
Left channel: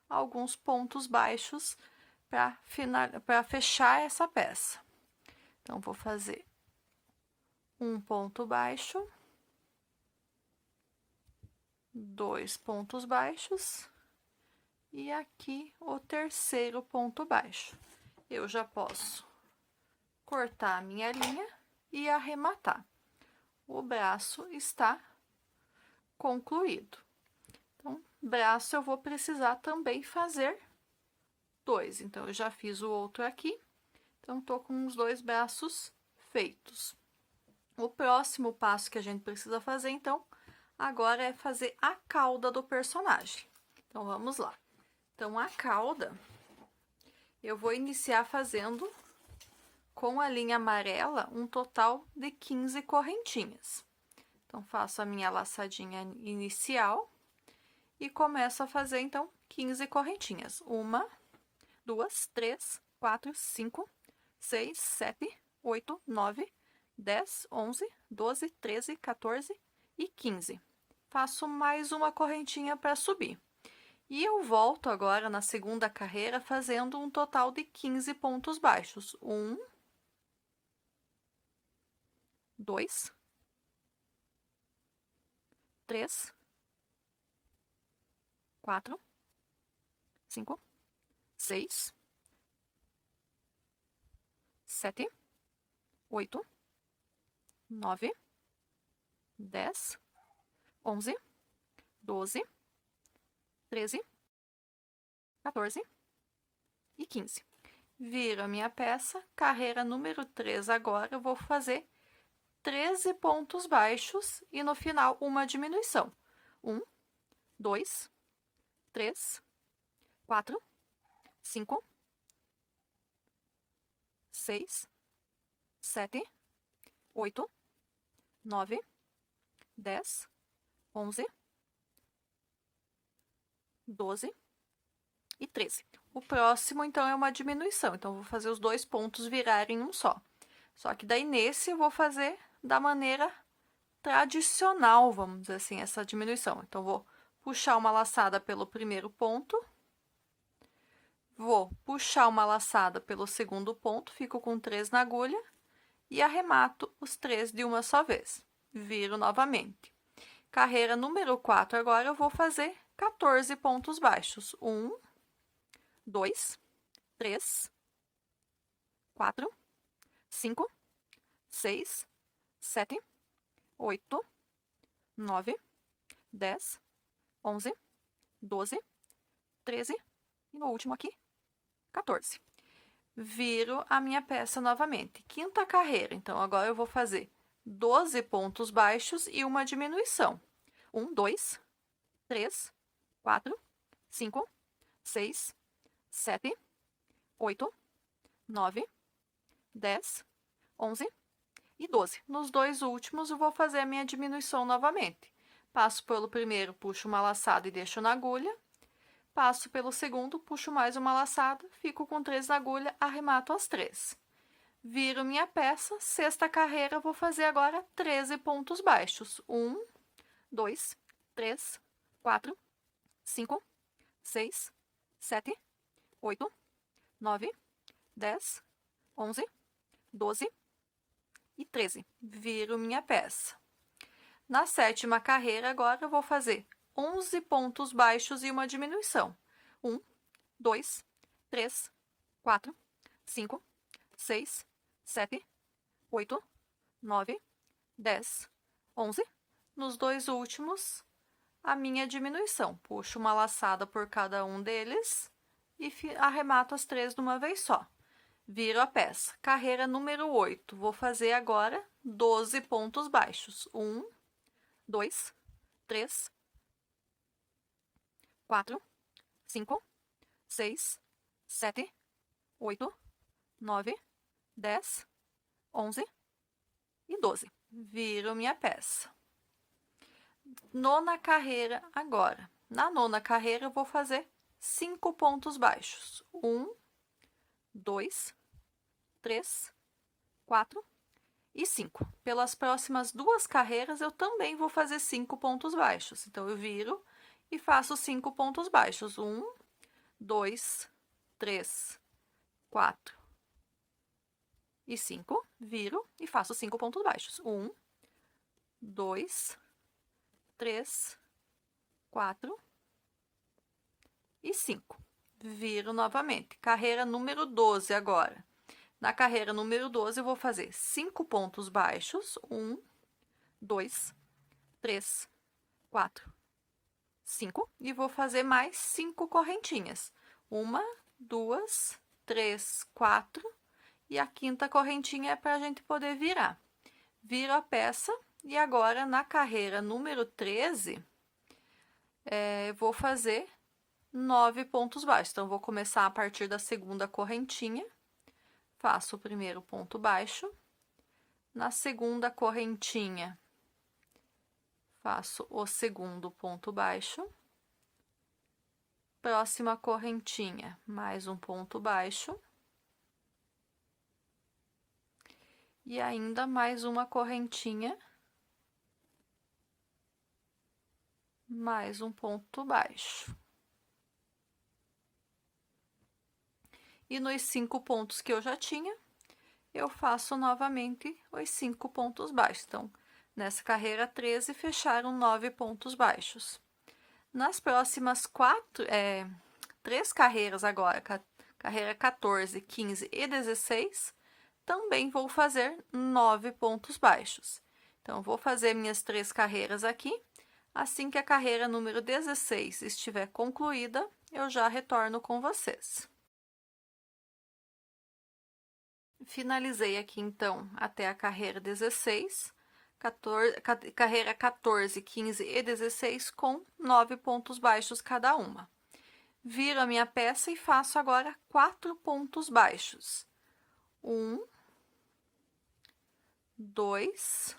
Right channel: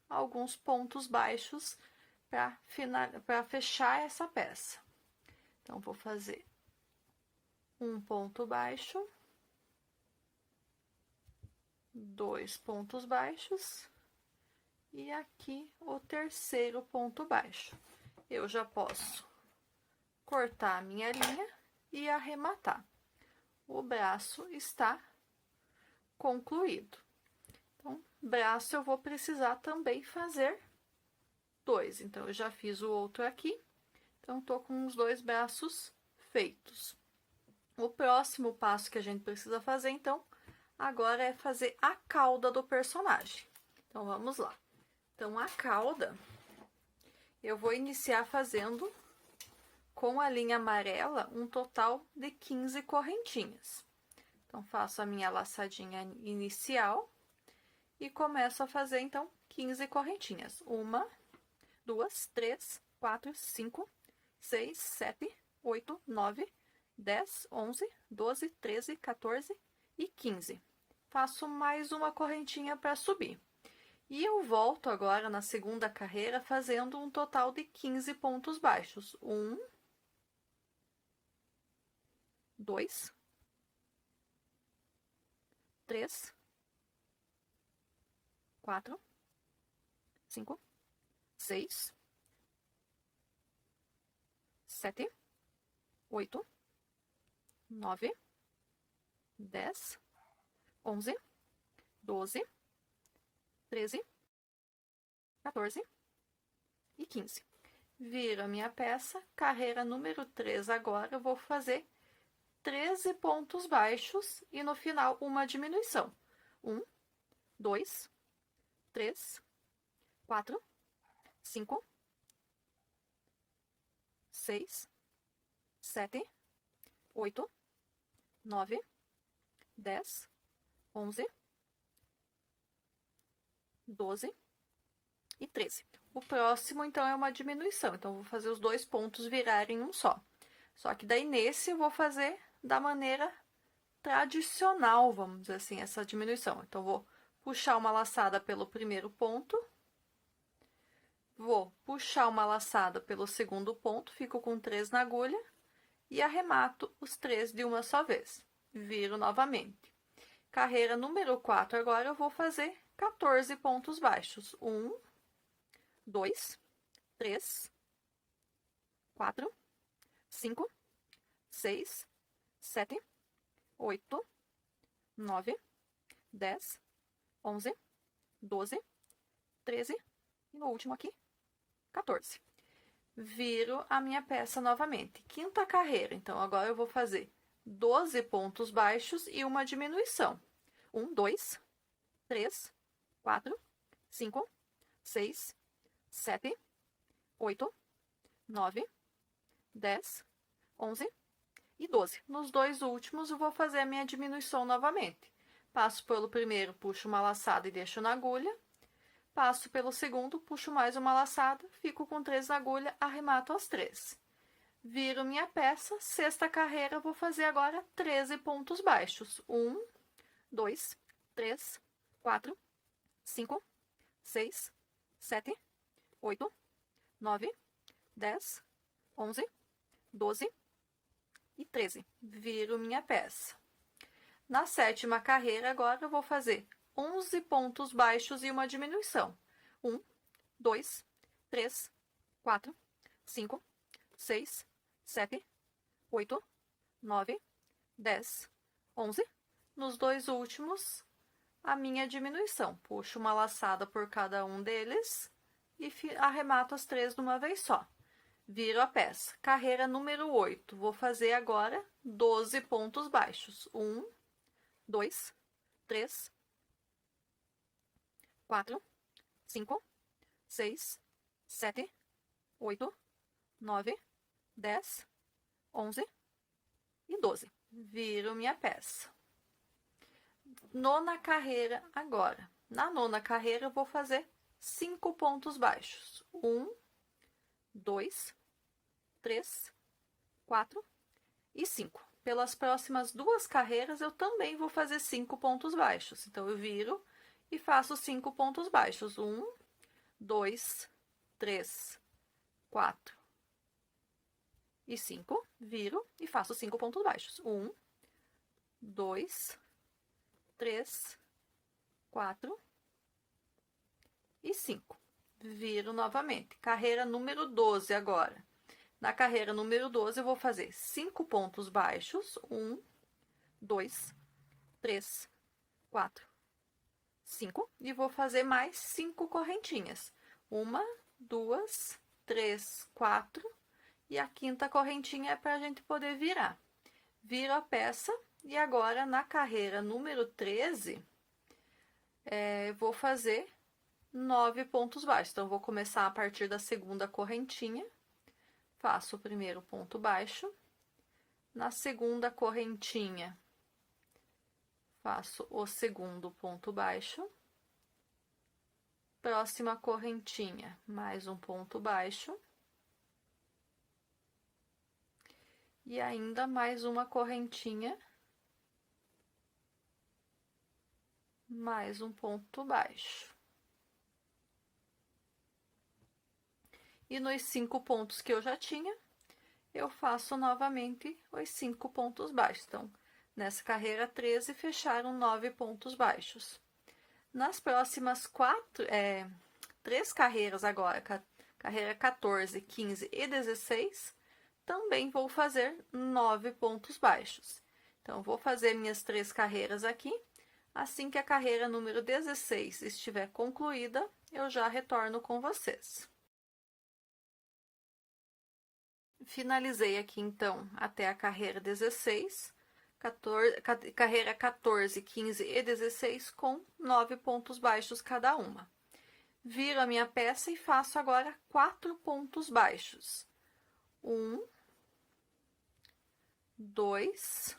alguns pontos baixos para fechar essa peça. Então, vou fazer um ponto baixo, 2 pontos baixos e aqui o terceiro ponto baixo. Eu já posso cortar a minha linha e arrematar. O braço está concluído. Então, braço eu vou precisar também fazer 2. Então, eu já fiz o outro aqui. Então, tô com os 2 braços feitos. O próximo passo que a gente precisa fazer, então, agora é fazer a cauda do personagem. Então, vamos lá. Então, a cauda, eu vou iniciar fazendo com a linha amarela um total de 15 correntinhas. Então, faço a minha laçadinha inicial e começo a fazer, então, 15 correntinhas. 1, 2, 3, 4, 5, 6, 7, 8, 9, 10, 11, 12, 13, 14 e 15. Faço mais uma correntinha para subir. E eu volto agora na segunda carreira fazendo um total de 15 pontos baixos. 1, 2, 3, 4, 5, 6, 7, 8, 9, 10, 11, 12, 13, 14 e 15. Viro a minha peça, carreira número 3 agora, eu vou fazer 13 pontos baixos e no final uma diminuição. 1, 2, 3, 4, 5, 6, 7, 8, 9, 10, 11, 12 e 13. O próximo, então, é uma diminuição. Então, eu vou fazer os dois pontos virarem um só. Só que daí, nesse, eu vou fazer da maneira tradicional, vamos dizer assim, essa diminuição. Então, vou puxar uma laçada pelo primeiro ponto. Vou puxar uma laçada pelo segundo ponto, fico com 3 na agulha. E arremato os 3 de uma só vez. Viro novamente. Carreira número 4, agora eu vou fazer 14 pontos baixos. 1, 2, 3, 4, 5, 6, 7, 8, 9, 10, 11, 12, 13 e no último aqui, 14. Viro a minha peça novamente. Quinta carreira, então agora eu vou fazer 12 pontos baixos e uma diminuição. 1, 2, 3, 4, 5, 6, 7, 8, 9, 10, 11 e 12. Nos dois últimos, eu vou fazer a minha diminuição novamente. Passo pelo primeiro, puxo uma laçada e deixo na agulha. Passo pelo segundo, puxo mais uma laçada, fico com 3 na agulha, arremato as 3. Viro minha peça, sexta carreira, vou fazer agora 13 pontos baixos. 1, 2, 3, 4, 5, 6, 7, 8, 9, 10, 11, 12 e 13. Viro minha peça. Na sétima carreira, agora eu vou fazer 11 pontos baixos e uma diminuição. 1, 2, 3, 4, 5, 6, 7, 8, 9, 10, 11. Nos dois últimos, a minha diminuição. Puxo uma laçada por cada um deles e arremato as 3 de uma vez só. Viro a peça. Carreira número 8. Vou fazer agora 12 pontos baixos. 1, 2, 3, 4, 5, 6, 7, 8, 9, 10, 11 e 12. Viro minha peça. Nona carreira agora. Na nona carreira, eu vou fazer 5 pontos baixos. 1, 2, 3, 4 e 5. Pelas próximas 2 carreiras, eu também vou fazer 5 pontos baixos. Então, eu viro e faço 5 pontos baixos. 1, 2, 3, 4 e 5. Viro e faço 5 pontos baixos. 1, 2, 3, 4 e 5. Viro novamente. Carreira número 12 agora. Na carreira número 12, eu vou fazer 5 pontos baixos. 1, 2, 3, 4, 5. E vou fazer mais 5 correntinhas. 1, 2, 3, 4. E a quinta correntinha é para a gente poder virar. Viro a peça e agora na carreira número 13, vou fazer 9 pontos baixos. Então, vou começar a partir da segunda correntinha. Faço o primeiro ponto baixo. Na segunda correntinha, faço o segundo ponto baixo. Próxima correntinha, mais um ponto baixo. E ainda mais uma correntinha, mais um ponto baixo. E nos 5 pontos que eu já tinha, eu faço novamente os 5 pontos baixos. Então, nessa carreira 13, fecharam 9 pontos baixos. Nas próximas 3 carreiras agora, carreira 14, 15 e 16, também vou fazer 9 pontos baixos. Então, vou fazer minhas 3 carreiras aqui. Assim que a carreira número 16 estiver concluída, eu já retorno com vocês. Finalizei aqui, então, até a carreira 16, carreira 14, 15 e 16 com 9 pontos baixos cada uma. Viro a minha peça e faço agora 4 pontos baixos. 1, 2,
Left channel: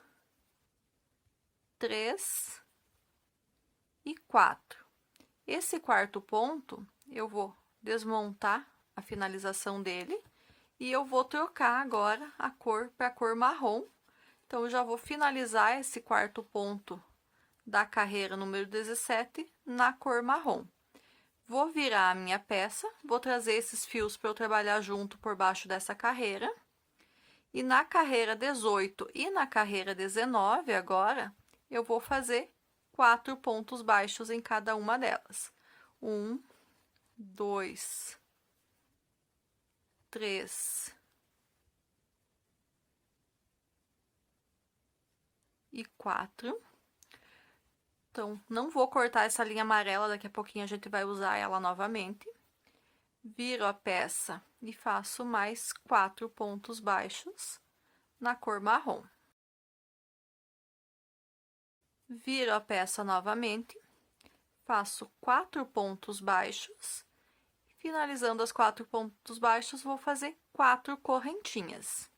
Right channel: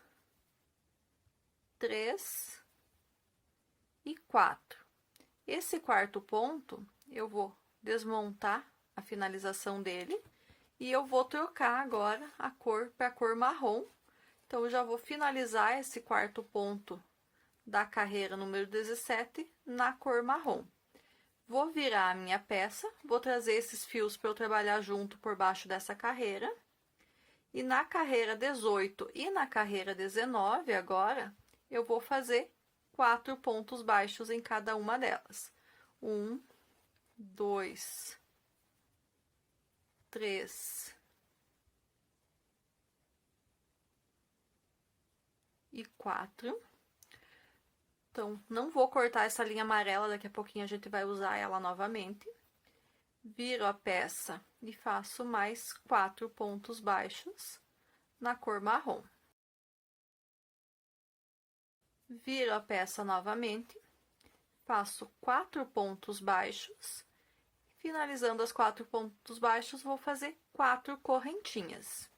3 e 4. Esse quarto ponto, eu vou desmontar a finalização dele e eu vou trocar agora a cor para a cor marrom. Então, eu já vou finalizar esse quarto ponto da carreira número 17 na cor marrom. Vou virar a minha peça, vou trazer esses fios para eu trabalhar junto por baixo dessa carreira. E na carreira 18 e na carreira 19 agora, eu vou fazer 4 pontos baixos em cada uma delas. 1, 2, 3 e 4. Então, não vou cortar essa linha amarela, daqui a pouquinho a gente vai usar ela novamente. Viro a peça e faço mais 4 pontos baixos na cor marrom. Viro a peça novamente, faço 4 pontos baixos. Finalizando as 4 pontos baixos, vou fazer 4 correntinhas.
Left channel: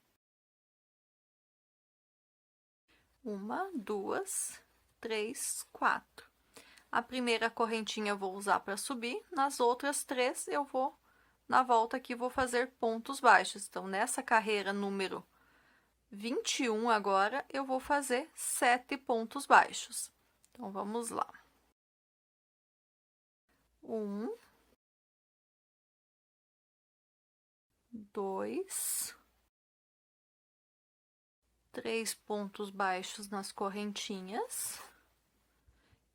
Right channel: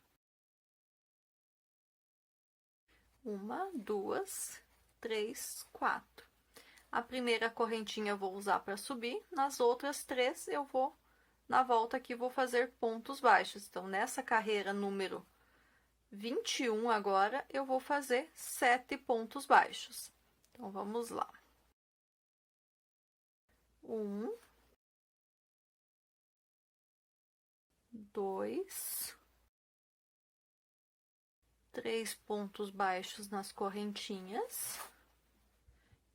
1, 2, 3, 4. A primeira correntinha eu vou usar para subir, nas outras 3 eu vou, na volta aqui, vou fazer pontos baixos. Então, nessa carreira número 21 agora, eu vou fazer 7 pontos baixos. Então, vamos lá. 1, 2, 3 pontos baixos nas correntinhas.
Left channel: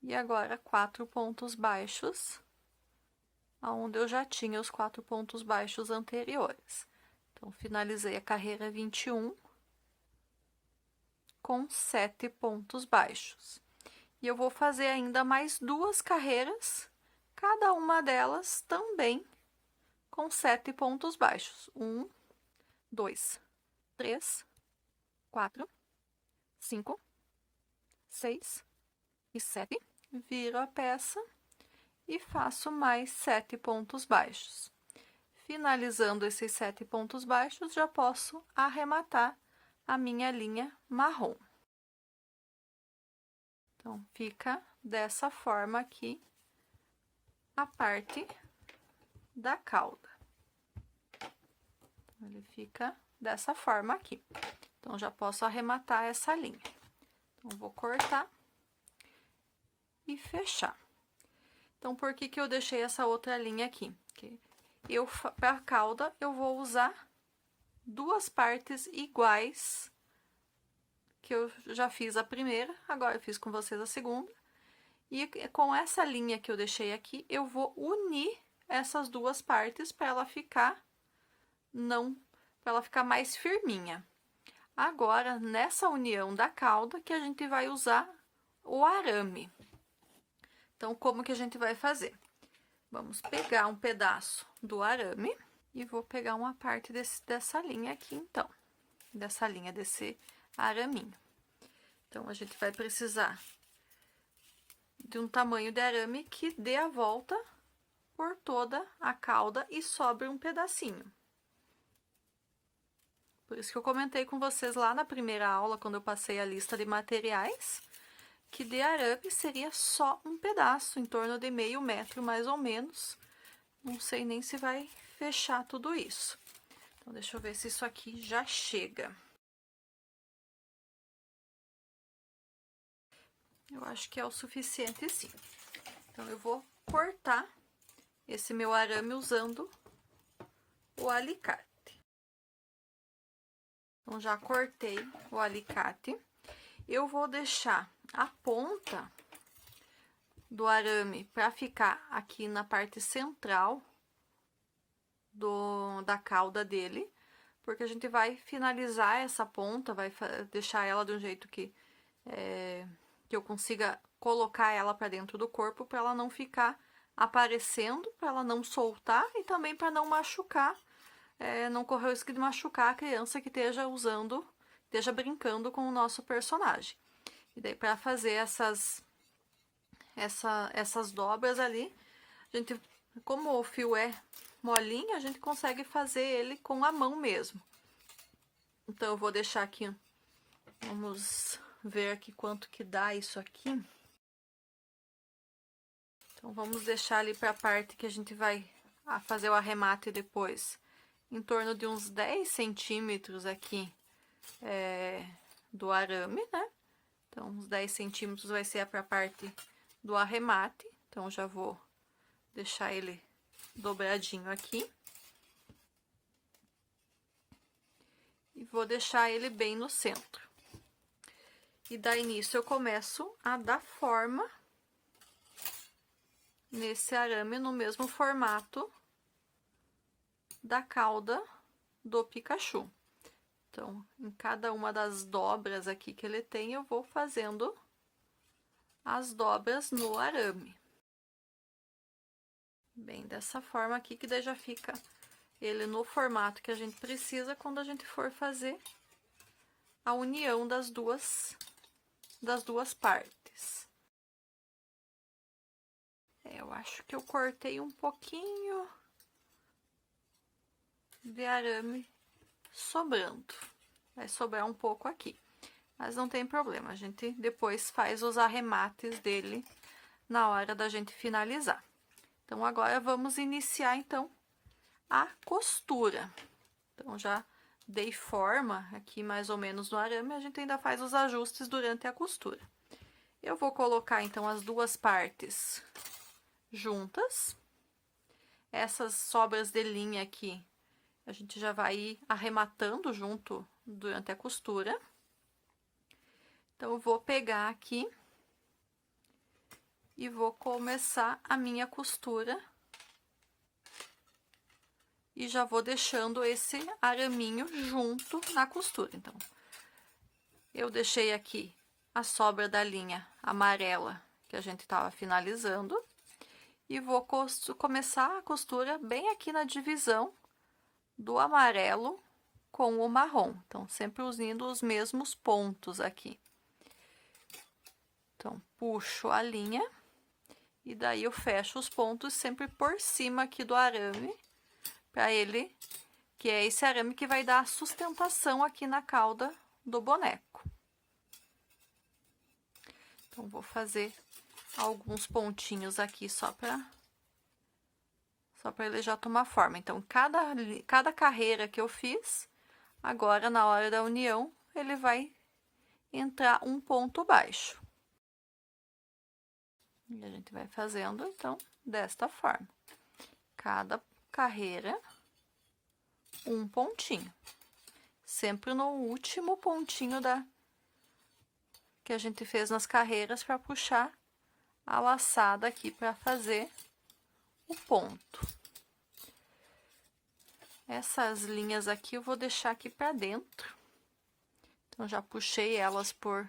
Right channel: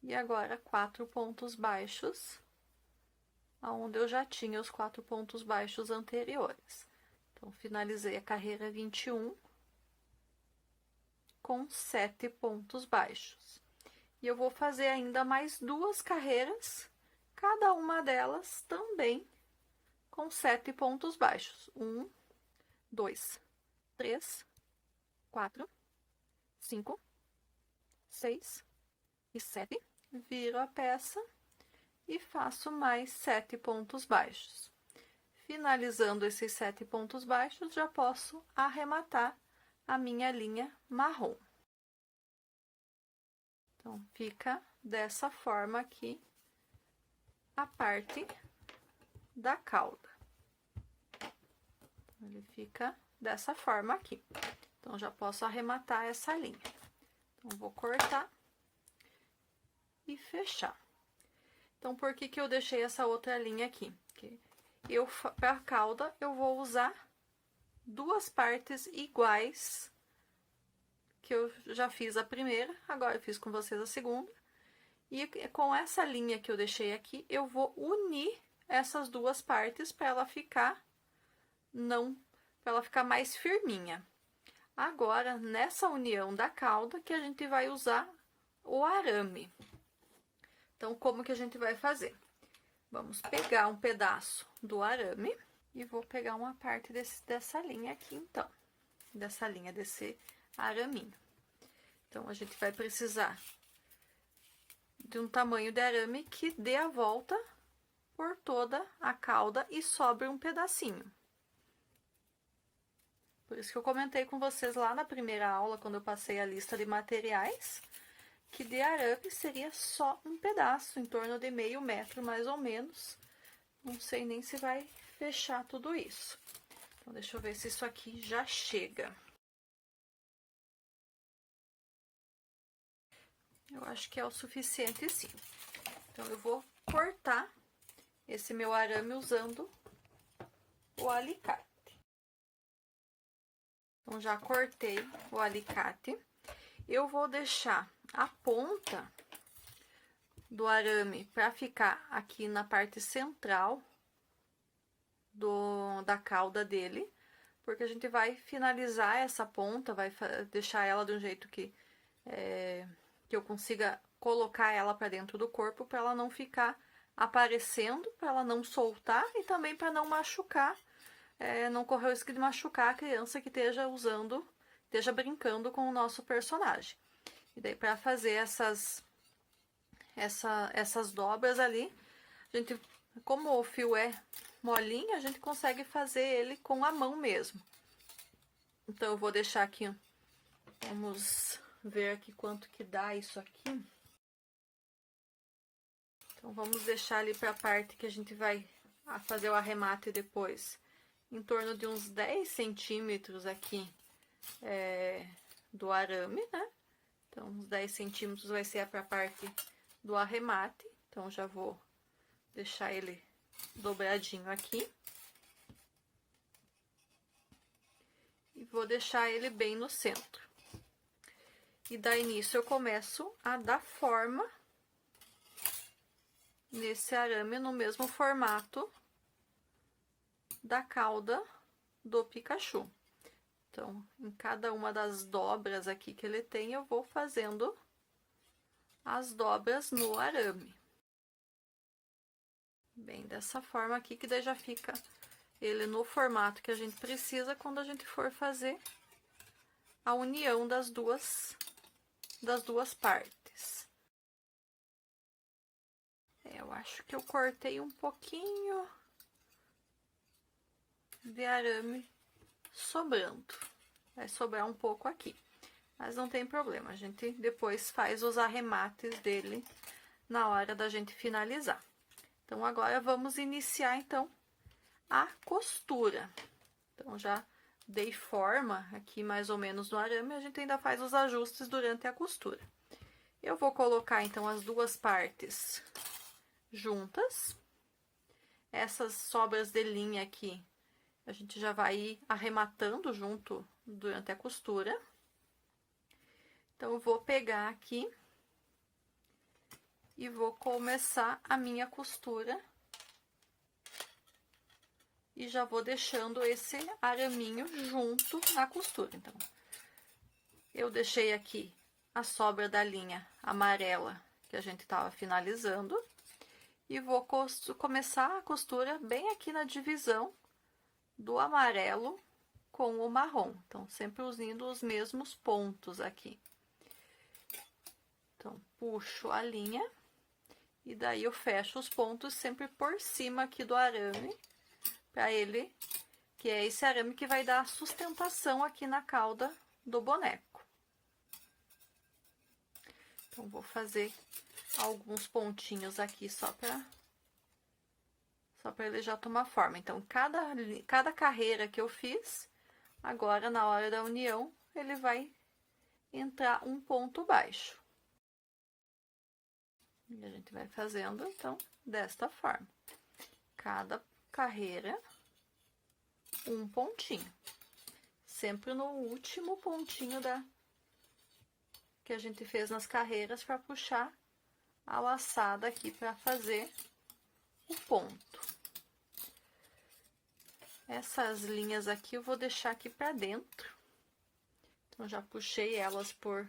E agora, 4 pontos baixos, aonde eu já tinha os 4 pontos baixos anteriores. Então, finalizei a carreira 21 com 7 pontos baixos. E eu vou fazer ainda mais 2 carreiras, cada uma delas também com 7 pontos baixos. 1, 2, 3, 4, 5, 6 e 7. Viro a peça e faço mais 7 pontos baixos. Finalizando esses 7 pontos baixos, já posso arrematar a minha linha marrom. Então, fica dessa forma aqui a parte da cauda. Ele fica dessa forma aqui. Então, já posso arrematar essa linha. Então, vou cortar e fechar. Então, por que que eu deixei essa outra linha aqui? Porque para a cauda, eu vou usar 2 partes iguais, que eu já fiz a primeira, agora eu fiz com vocês a segunda. E com essa linha que eu deixei aqui, eu vou unir essas 2 partes para ela ficar mais firminha. Agora, nessa união da cauda, que a gente vai usar o arame. Então, como que a gente vai fazer? Vamos pegar um pedaço do arame e vou pegar uma parte dessa linha aqui, então. Desse araminho. Então, a gente vai precisar de um tamanho de arame que dê a volta por toda a cauda e sobre um pedacinho. Por isso que eu comentei com vocês lá na primeira aula, quando eu passei a lista de materiais, que de arame seria só um pedaço, em torno de meio metro, mais ou menos. Não sei nem se vai fechar tudo isso. Então, deixa eu ver se isso aqui já chega. Eu acho que é o suficiente, sim. Então, eu vou cortar esse meu arame usando o alicate. Então, já cortei o alicate. Eu vou deixar a ponta do arame para ficar aqui na parte central da cauda dele, porque a gente vai finalizar essa ponta, vai deixar ela de um jeito que eu consiga colocar ela para dentro do corpo, para ela não ficar aparecendo, para ela não soltar e também para não machucar, não correr o risco de machucar a criança que esteja brincando com o nosso personagem. E daí, para fazer essas dobras ali, a gente, como o fio é molinho, a gente consegue fazer ele com a mão mesmo. Então, eu vou deixar aqui, vamos ver aqui quanto que dá isso aqui. Então, vamos deixar ali para a parte que a gente vai fazer o arremate depois, em torno de uns 10 centímetros aqui do arame, né? Então, uns 10 centímetros vai ser para a parte do arremate. Então, já vou deixar ele dobradinho aqui. E vou deixar ele bem no centro. E daí, nisso, eu começo a dar forma nesse arame no mesmo formato da cauda do Pikachu. Então, em cada uma das dobras aqui que ele tem, eu vou fazendo as dobras no arame. Bem, dessa forma aqui, que daí já fica ele no formato que a gente precisa quando a gente for fazer a união das duas partes. Eu acho que eu cortei um pouquinho de arame sobrando. Vai sobrar um pouco aqui, mas não tem problema, a gente depois faz os arremates dele na hora da gente finalizar. Então, agora vamos iniciar, então, a costura. Então, já dei forma aqui mais ou menos no arame, a gente ainda faz os ajustes durante a costura. Eu vou colocar, então, as duas partes juntas. Essas sobras de linha aqui, a gente já vai ir arrematando junto durante a costura. Então, eu vou pegar aqui e vou começar a minha costura. E já vou deixando esse araminho junto na costura. Então, eu deixei aqui a sobra da linha amarela que a gente estava finalizando. E vou começar a costura bem aqui na divisão do amarelo com o marrom. Então, sempre unindo os mesmos pontos aqui. Então, puxo a linha e daí eu fecho os pontos sempre por cima aqui do arame, para ele, que é esse arame que vai dar a sustentação aqui na cauda do boneco. Então, vou fazer alguns pontinhos aqui só para ele já tomar forma. Então, cada carreira que eu fiz, agora na hora da união, ele vai entrar um ponto baixo. E a gente vai fazendo, então, desta forma. Cada carreira, um pontinho. Sempre no último pontinho que a gente fez nas carreiras para puxar a laçada aqui para fazer o ponto. Essas linhas aqui eu vou deixar aqui para dentro. Então, já puxei elas por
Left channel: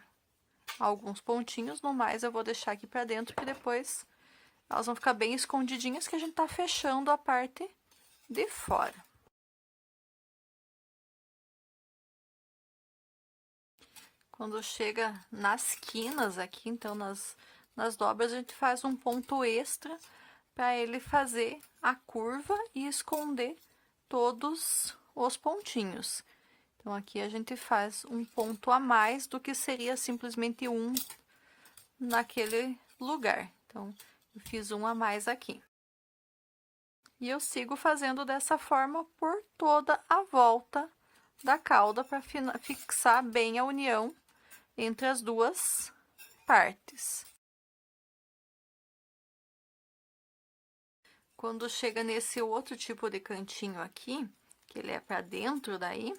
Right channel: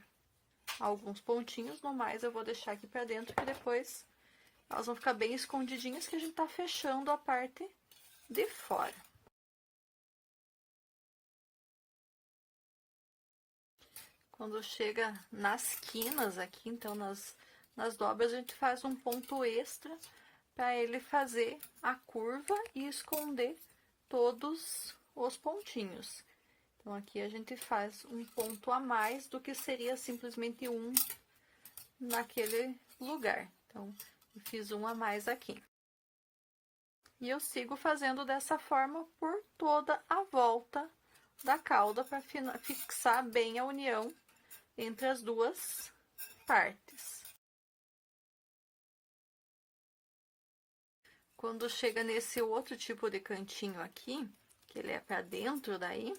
alguns pontinhos, no mais eu vou deixar aqui para dentro, que depois elas vão ficar bem escondidinhas, que a gente tá fechando a parte de fora. Quando chega nas quinas aqui, então nas dobras, a gente faz um ponto extra para ele fazer a curva e esconder todos os pontinhos. Então, aqui a gente faz um ponto a mais do que seria simplesmente um naquele lugar. Então, eu fiz um a mais aqui. E eu sigo fazendo dessa forma por toda a volta da cauda para fixar bem a união entre as duas partes. Quando chega nesse outro tipo de cantinho aqui, que ele é para dentro daí,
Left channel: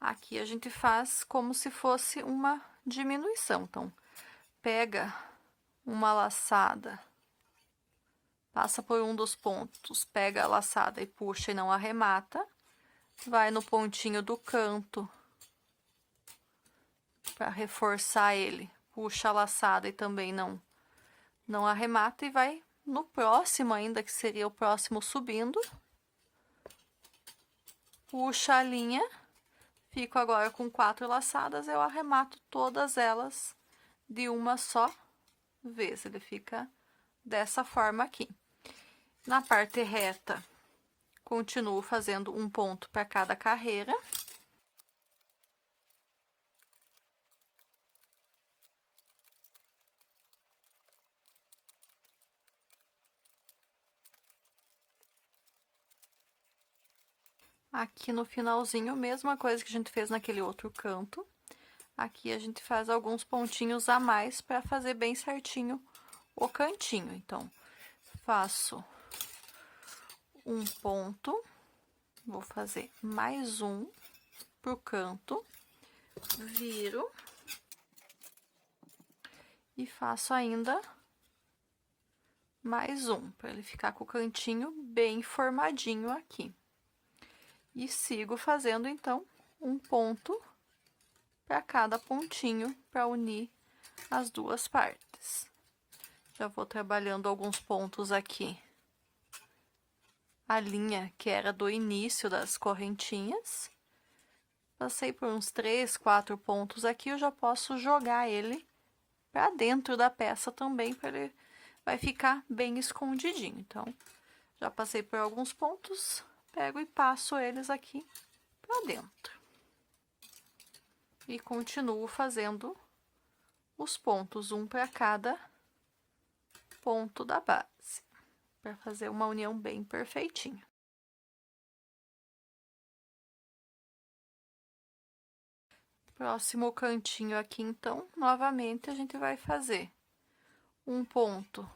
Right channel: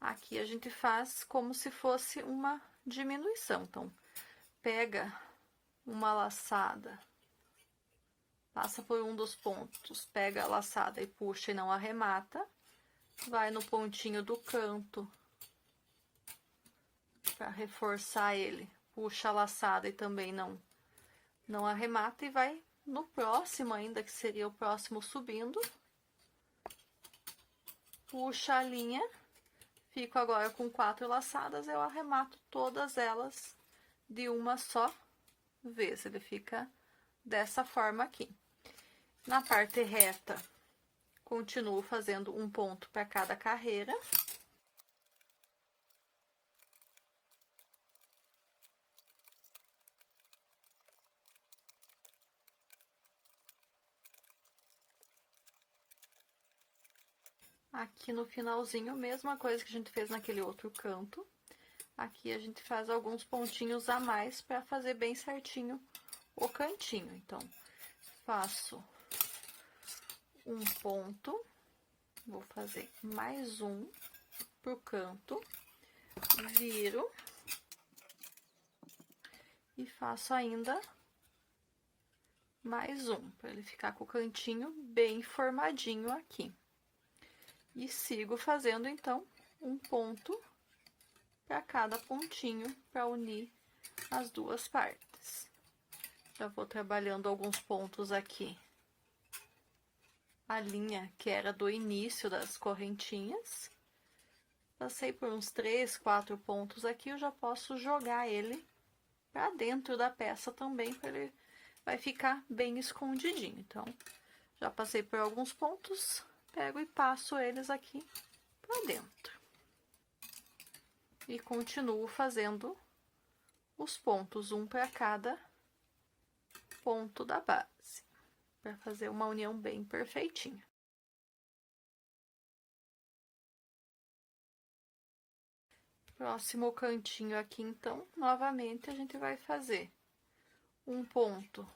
aqui a gente faz como se fosse uma diminuição. Então, pega uma laçada, passa por um dos pontos, pega a laçada e puxa e não arremata, vai no pontinho do canto para reforçar ele, puxa a laçada e também não arremata e vai no próximo ainda, que seria o próximo subindo, puxa a linha, fico agora com 4 laçadas, eu arremato todas elas de uma só vez, ele fica dessa forma aqui. Na parte reta, continuo fazendo um ponto para cada carreira. Aqui no finalzinho, mesma coisa que a gente fez naquele outro canto. Aqui a gente faz alguns pontinhos a mais para fazer bem certinho o cantinho. Então, faço um ponto, vou fazer mais um pro canto, viro e faço ainda mais um, para ele ficar com o cantinho bem formadinho aqui. E sigo fazendo, então, um ponto para cada pontinho, para unir as duas partes. Já vou trabalhando alguns pontos aqui. A linha que era do início das correntinhas. Passei por uns 3, 4 pontos aqui, eu já posso jogar ele para dentro da peça também, para ele vai ficar bem escondidinho. Então, já passei por alguns pontos, pego e passo eles aqui para dentro. E continuo fazendo os pontos, um para cada ponto da base, para fazer uma união bem perfeitinha. Próximo cantinho aqui, então, novamente a gente vai fazer um ponto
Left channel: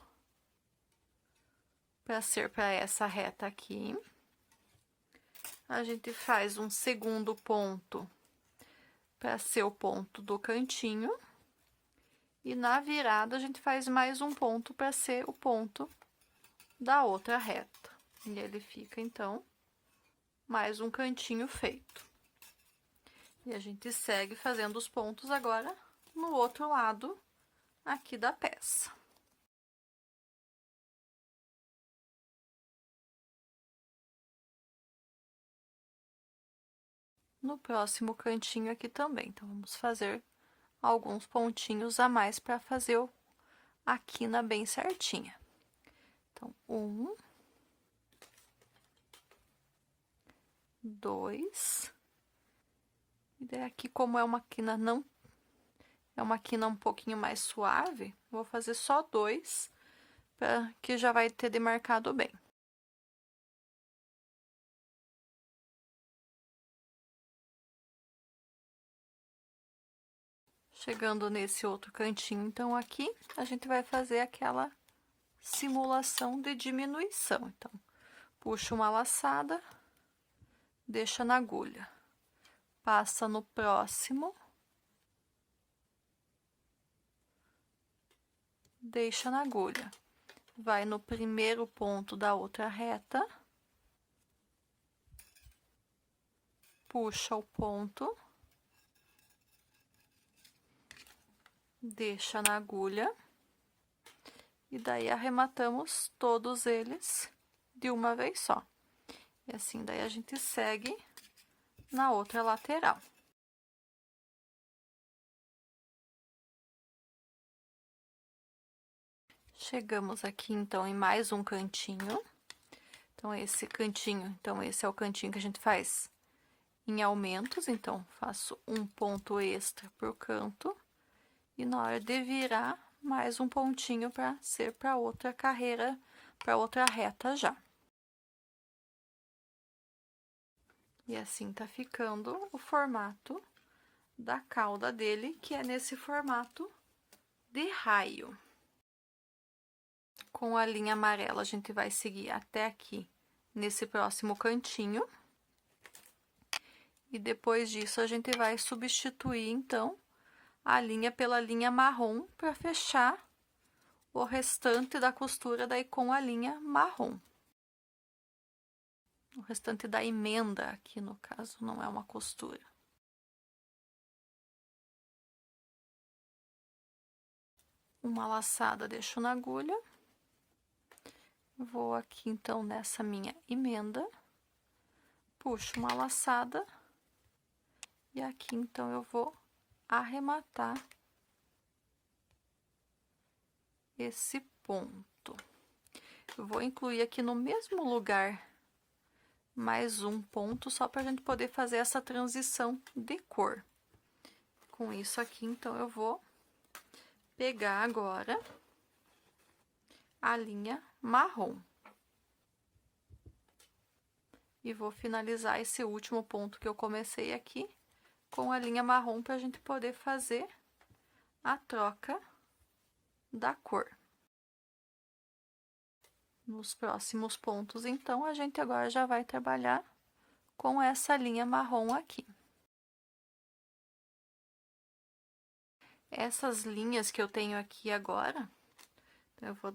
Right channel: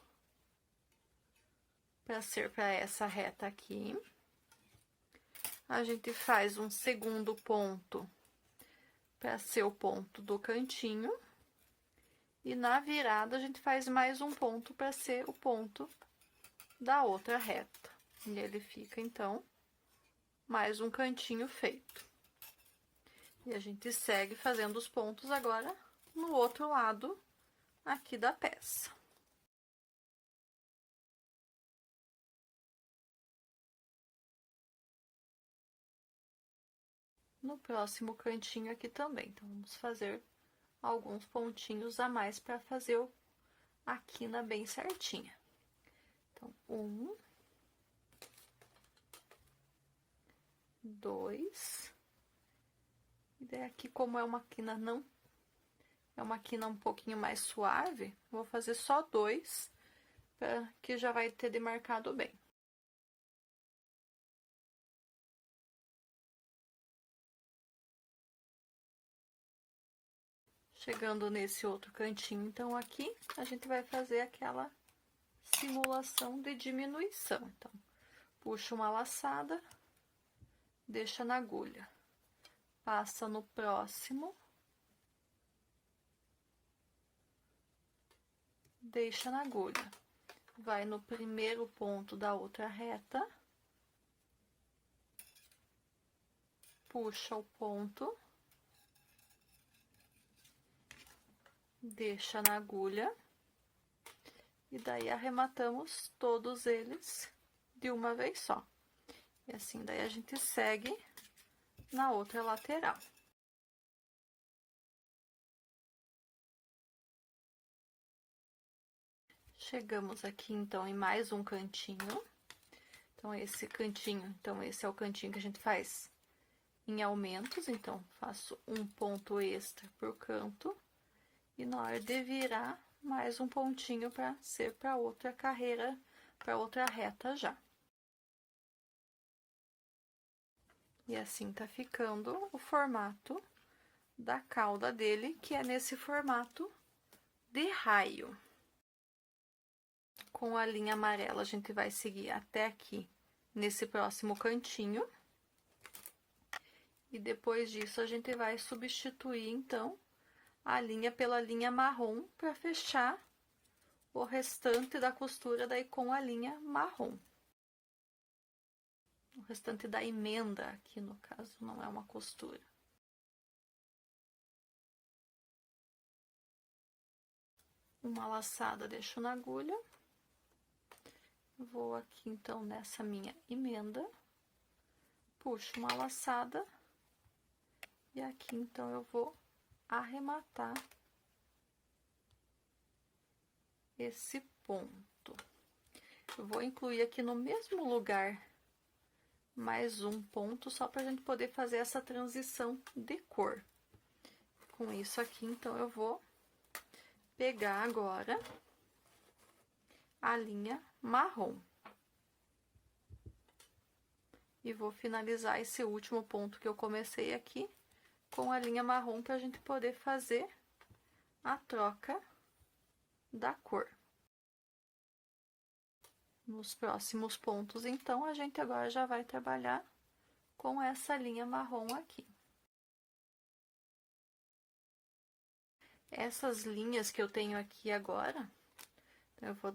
para ser para essa reta aqui. A gente faz um segundo ponto para ser o ponto do cantinho. E na virada, a gente faz mais um ponto para ser o ponto da outra reta. E ele fica, então, mais um cantinho feito. E a gente segue fazendo os pontos agora no outro lado aqui da peça. No próximo cantinho aqui também, então, vamos fazer alguns pontinhos a mais para fazer a quina bem certinha. Então, 1, 2, e daí aqui, como é uma quina é uma quina um pouquinho mais suave, vou fazer só 2, para que já vai ter demarcado bem. Chegando nesse outro cantinho, então, aqui, a gente vai fazer aquela simulação de diminuição. Então, puxa uma laçada, deixa na agulha, passa no próximo, deixa na agulha, vai no primeiro ponto da outra reta, puxa o ponto, deixa na agulha, e daí arrematamos todos eles de uma vez só. E assim, daí a gente segue na outra lateral. Chegamos aqui, então, em mais um cantinho. Então, esse cantinho, então, esse é o cantinho que a gente faz em aumentos. Então, faço um ponto extra por canto. E na hora de virar, mais um pontinho para ser para outra carreira, para outra reta já. E assim tá ficando o formato da cauda dele, que é nesse formato de raio. Com a linha amarela, a gente vai seguir até aqui, nesse próximo cantinho. E depois disso, a gente vai substituir, então, a linha pela linha marrom para fechar o restante da costura daí com a linha marrom. O restante da emenda aqui, no caso, não é uma costura. Uma laçada deixo na agulha. Vou aqui, então, nessa minha emenda. Puxo uma laçada. E aqui, então, eu vou arrematar esse ponto. Eu vou incluir aqui no mesmo lugar mais um ponto, só para a gente poder fazer essa transição de cor. Com isso aqui, então, eu vou pegar agora a linha marrom. E vou finalizar esse último ponto que eu comecei aqui com a linha marrom para a gente poder fazer a troca da cor. Nos próximos pontos, então, a gente agora já vai trabalhar com essa linha marrom aqui. Essas linhas que eu tenho aqui agora, eu vou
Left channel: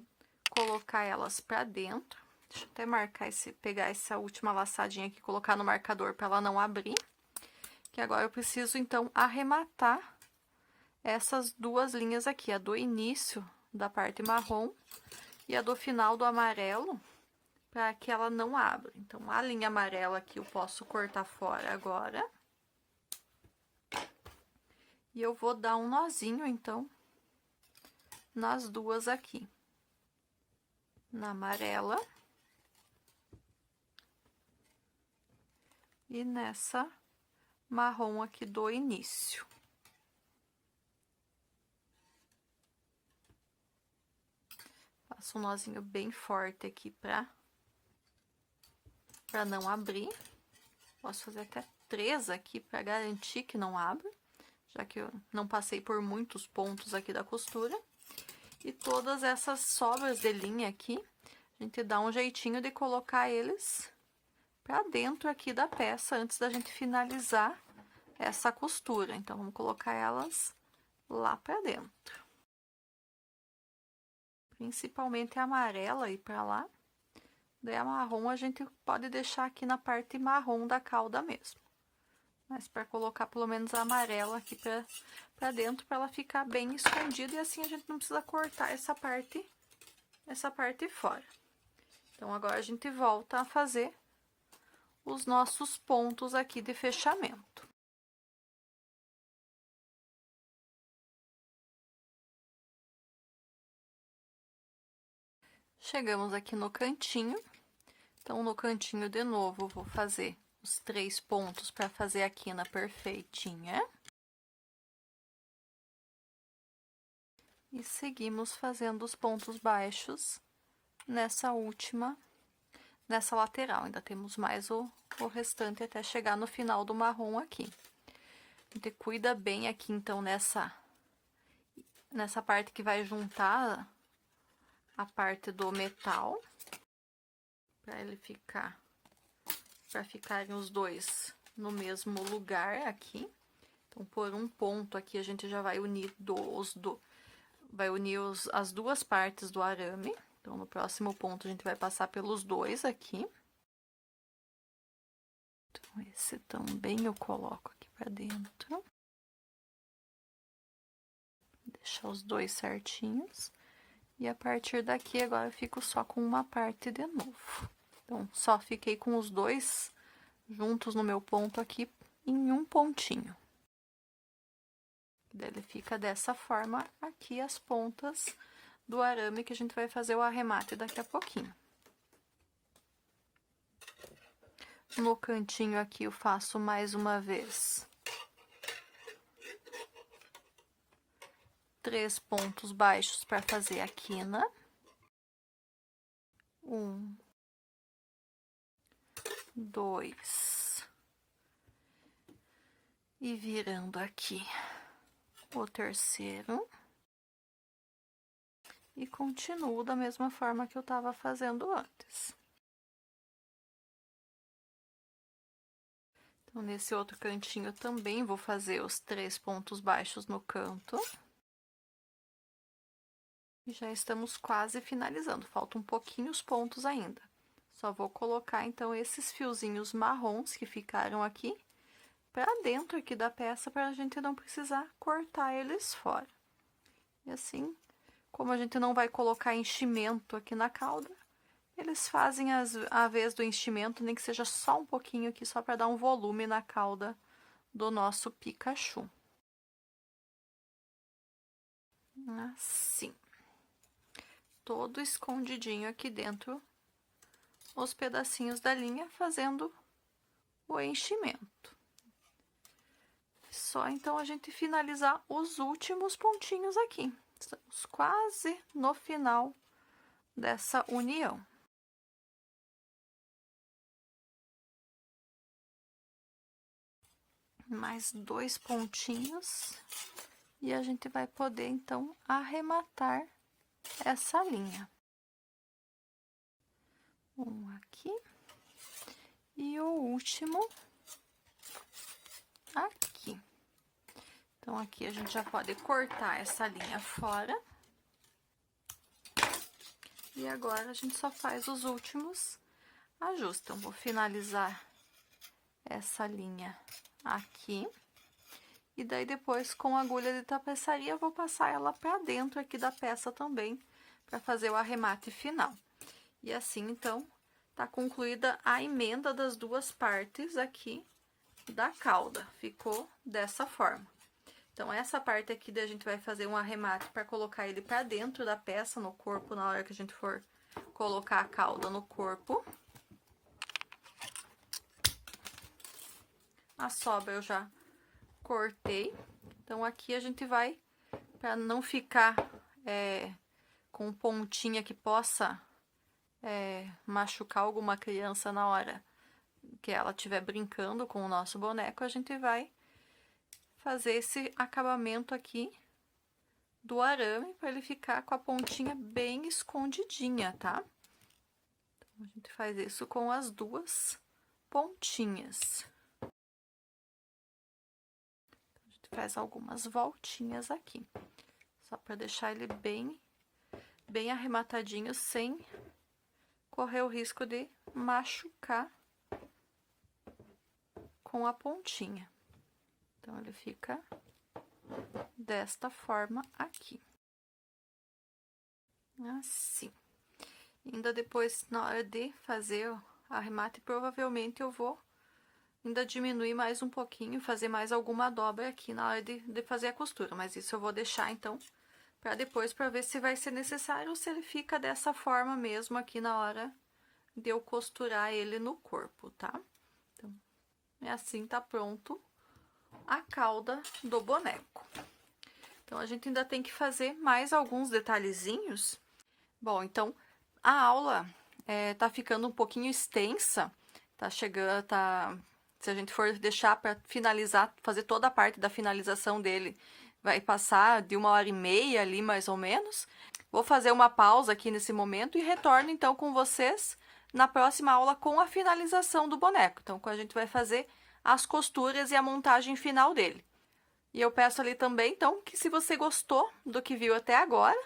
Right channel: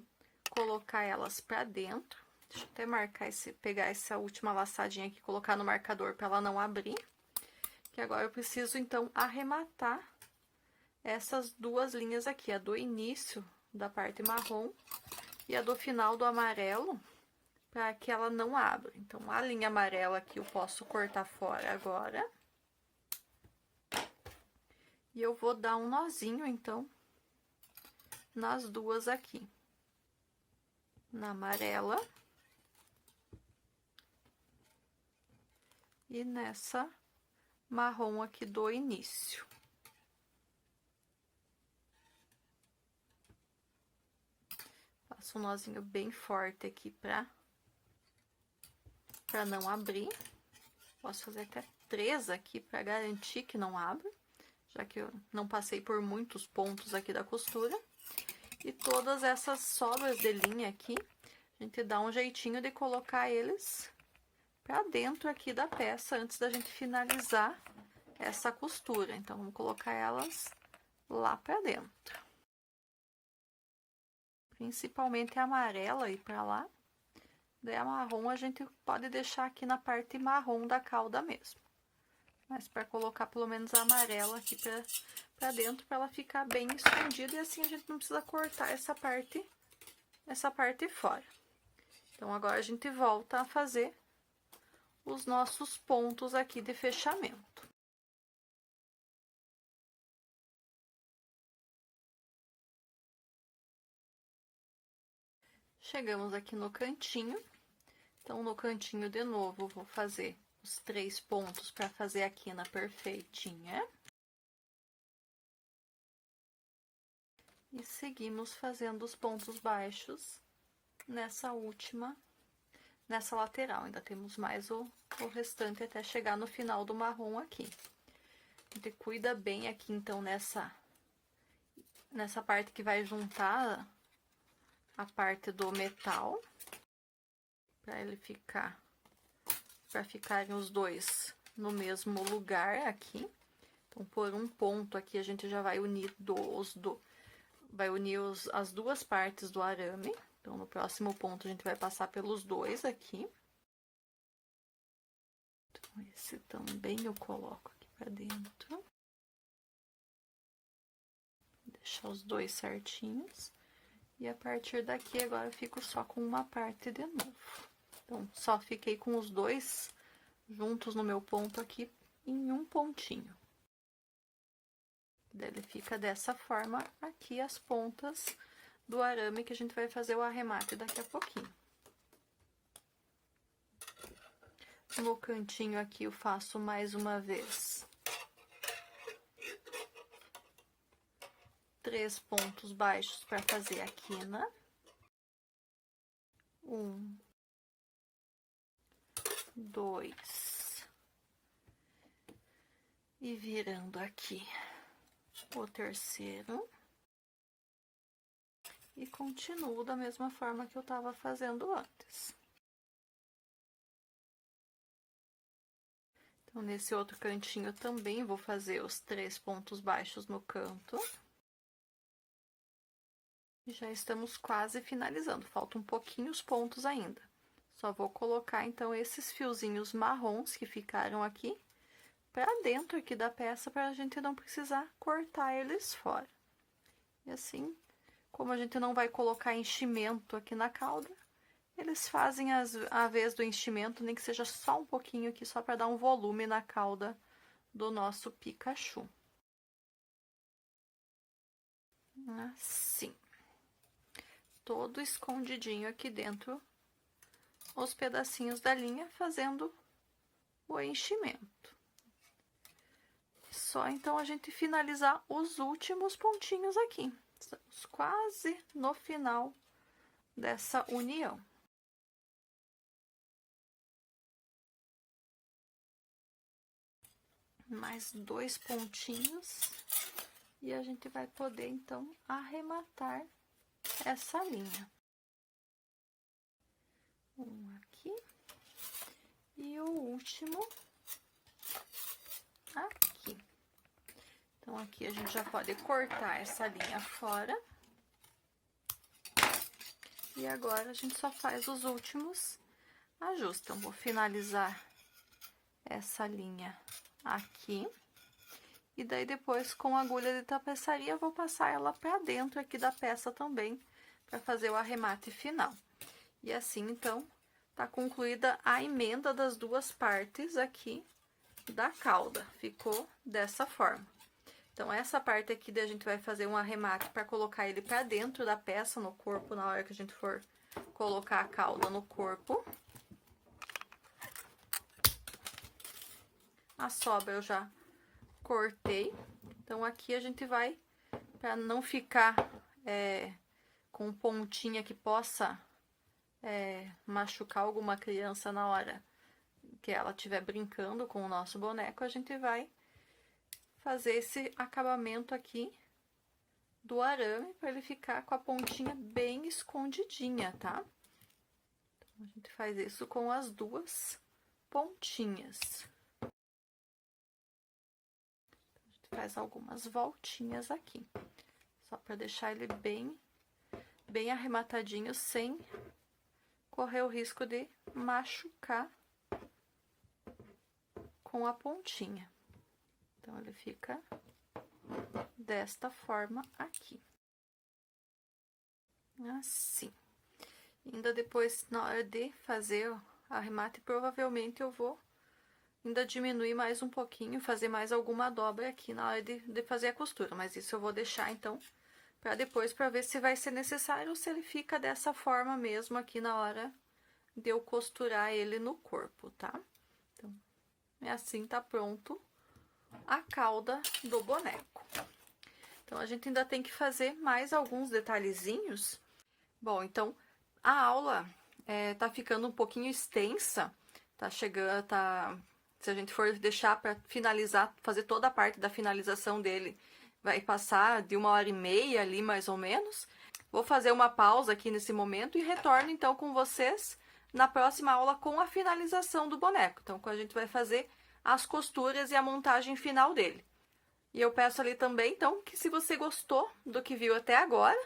colocar elas para dentro. Deixa eu até marcar pegar essa última laçadinha aqui e colocar no marcador para ela não abrir. Que agora eu preciso, então, arrematar essas duas linhas aqui, a do início da parte marrom e a do final do amarelo, para que ela não abra. Então, a linha amarela aqui eu posso cortar fora agora. E eu vou dar um nozinho, então, nas duas aqui. Na amarela. E nessa marrom aqui do início. Faço um nozinho bem forte aqui pra não abrir. Posso fazer até 3 aqui pra garantir que não abra, já que eu não passei por muitos pontos aqui da costura. E todas essas sobras de linha aqui, a gente dá um jeitinho de colocar eles pra dentro aqui da peça antes da gente finalizar essa costura. Então, vamos colocar elas lá pra dentro. Principalmente a amarela aí pra lá. Daí a marrom a gente pode deixar aqui na parte marrom da cauda mesmo. Mas para colocar pelo menos a amarela aqui pra dentro, para ela ficar bem escondida. E assim a gente não precisa cortar essa parte fora. Então, agora a gente volta a fazer os nossos pontos aqui de fechamento. Chegamos aqui no cantinho. Então, no cantinho de novo, vou fazer os 3 pontos para fazer a quina perfeitinha. E seguimos fazendo os pontos baixos nessa lateral. Ainda temos mais o restante até chegar no final do marrom aqui. A gente cuida bem aqui, então, nessa parte que vai juntar a parte do metal, para ficarem os dois no mesmo lugar aqui. Então, por um ponto aqui, a gente já vai unir as duas partes do arame. Então, no próximo ponto, a gente vai passar pelos dois aqui. Então, esse também eu coloco aqui pra dentro. Deixar os dois certinhos. E a partir daqui, agora eu fico só com uma parte de novo. Então, só fiquei com os dois juntos no meu ponto aqui em um pontinho. Daí ele fica dessa forma aqui as pontas do arame que a gente vai fazer o arremate daqui a pouquinho. No cantinho aqui eu faço mais uma vez 3 pontos baixos para fazer a quina. 1, 2, e virando aqui o terceiro. e continuo da mesma forma que eu estava fazendo antes. Então, nesse outro cantinho eu também vou fazer os 3 pontos baixos no canto. E já estamos quase finalizando, faltam um pouquinho os pontos ainda. Só vou colocar, então, esses fiozinhos marrons que ficaram aqui para dentro aqui da peça, para a gente não precisar cortar eles fora. E assim, como a gente não vai colocar enchimento aqui na cauda, eles fazem a vez do enchimento, nem que seja só um pouquinho aqui, só para dar um volume na cauda do nosso Pikachu. Assim. Todo escondidinho aqui dentro, os pedacinhos da linha, fazendo o enchimento. Só então a gente finalizar os últimos pontinhos aqui. Estamos quase no final dessa união. Mais 2 pontinhos e a gente vai poder então arrematar essa linha. Um aqui e o último aqui. Então, aqui a gente já pode cortar essa linha fora. E agora a gente só faz os últimos ajustes. Então, vou finalizar essa linha aqui. E daí, depois, com a agulha de tapeçaria, eu vou passar ela pra dentro aqui da peça também, para fazer o arremate final. E assim, então, tá concluída a emenda das duas partes aqui da cauda. Ficou dessa forma. Então, essa parte aqui a gente vai fazer um arremate para colocar ele para dentro da peça, no corpo, na hora que a gente for colocar a cauda no corpo. A sobra eu já cortei. Então, aqui a gente vai, para não ficar com pontinha que possa machucar alguma criança na hora que ela estiver brincando com o nosso boneco, a gente vai fazer esse acabamento aqui do arame para ele ficar com a pontinha bem escondidinha, tá? Então, a gente faz isso com as duas pontinhas. A gente faz algumas voltinhas aqui, só para deixar ele bem arrematadinho, sem correr o risco de machucar com a pontinha. Então, ele fica desta forma aqui. Assim. Ainda depois, na hora de fazer o arremate, provavelmente eu vou ainda diminuir mais um pouquinho, fazer mais alguma dobra aqui na hora de fazer a costura. Mas isso eu vou deixar, então, para depois, para ver se vai ser necessário ou se ele fica dessa forma mesmo aqui na hora de eu costurar ele no corpo, tá? Então, assim tá pronto a cauda do boneco. Então, a gente ainda tem que fazer mais alguns detalhezinhos. Bom, então, a aula tá ficando um pouquinho extensa, tá chegando, se a gente for deixar para finalizar, fazer toda a parte da finalização dele, vai passar de 1h30 ali, mais ou menos. Vou fazer uma pausa aqui nesse momento e retorno, então, com vocês na próxima aula com a finalização do boneco. Então, a gente vai fazer as costuras e a montagem final dele. E eu peço ali também, então, que se você gostou do que viu até agora,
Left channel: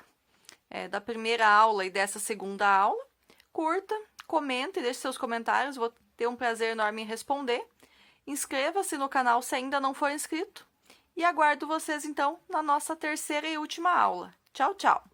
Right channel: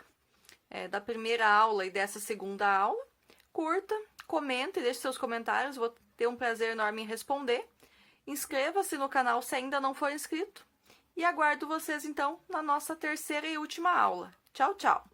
da primeira aula e dessa segunda aula, curta, comenta e deixe seus comentários, vou ter um prazer enorme em responder. Inscreva-se no canal se ainda não for inscrito. E aguardo vocês, então, na nossa terceira e última aula. Tchau, tchau!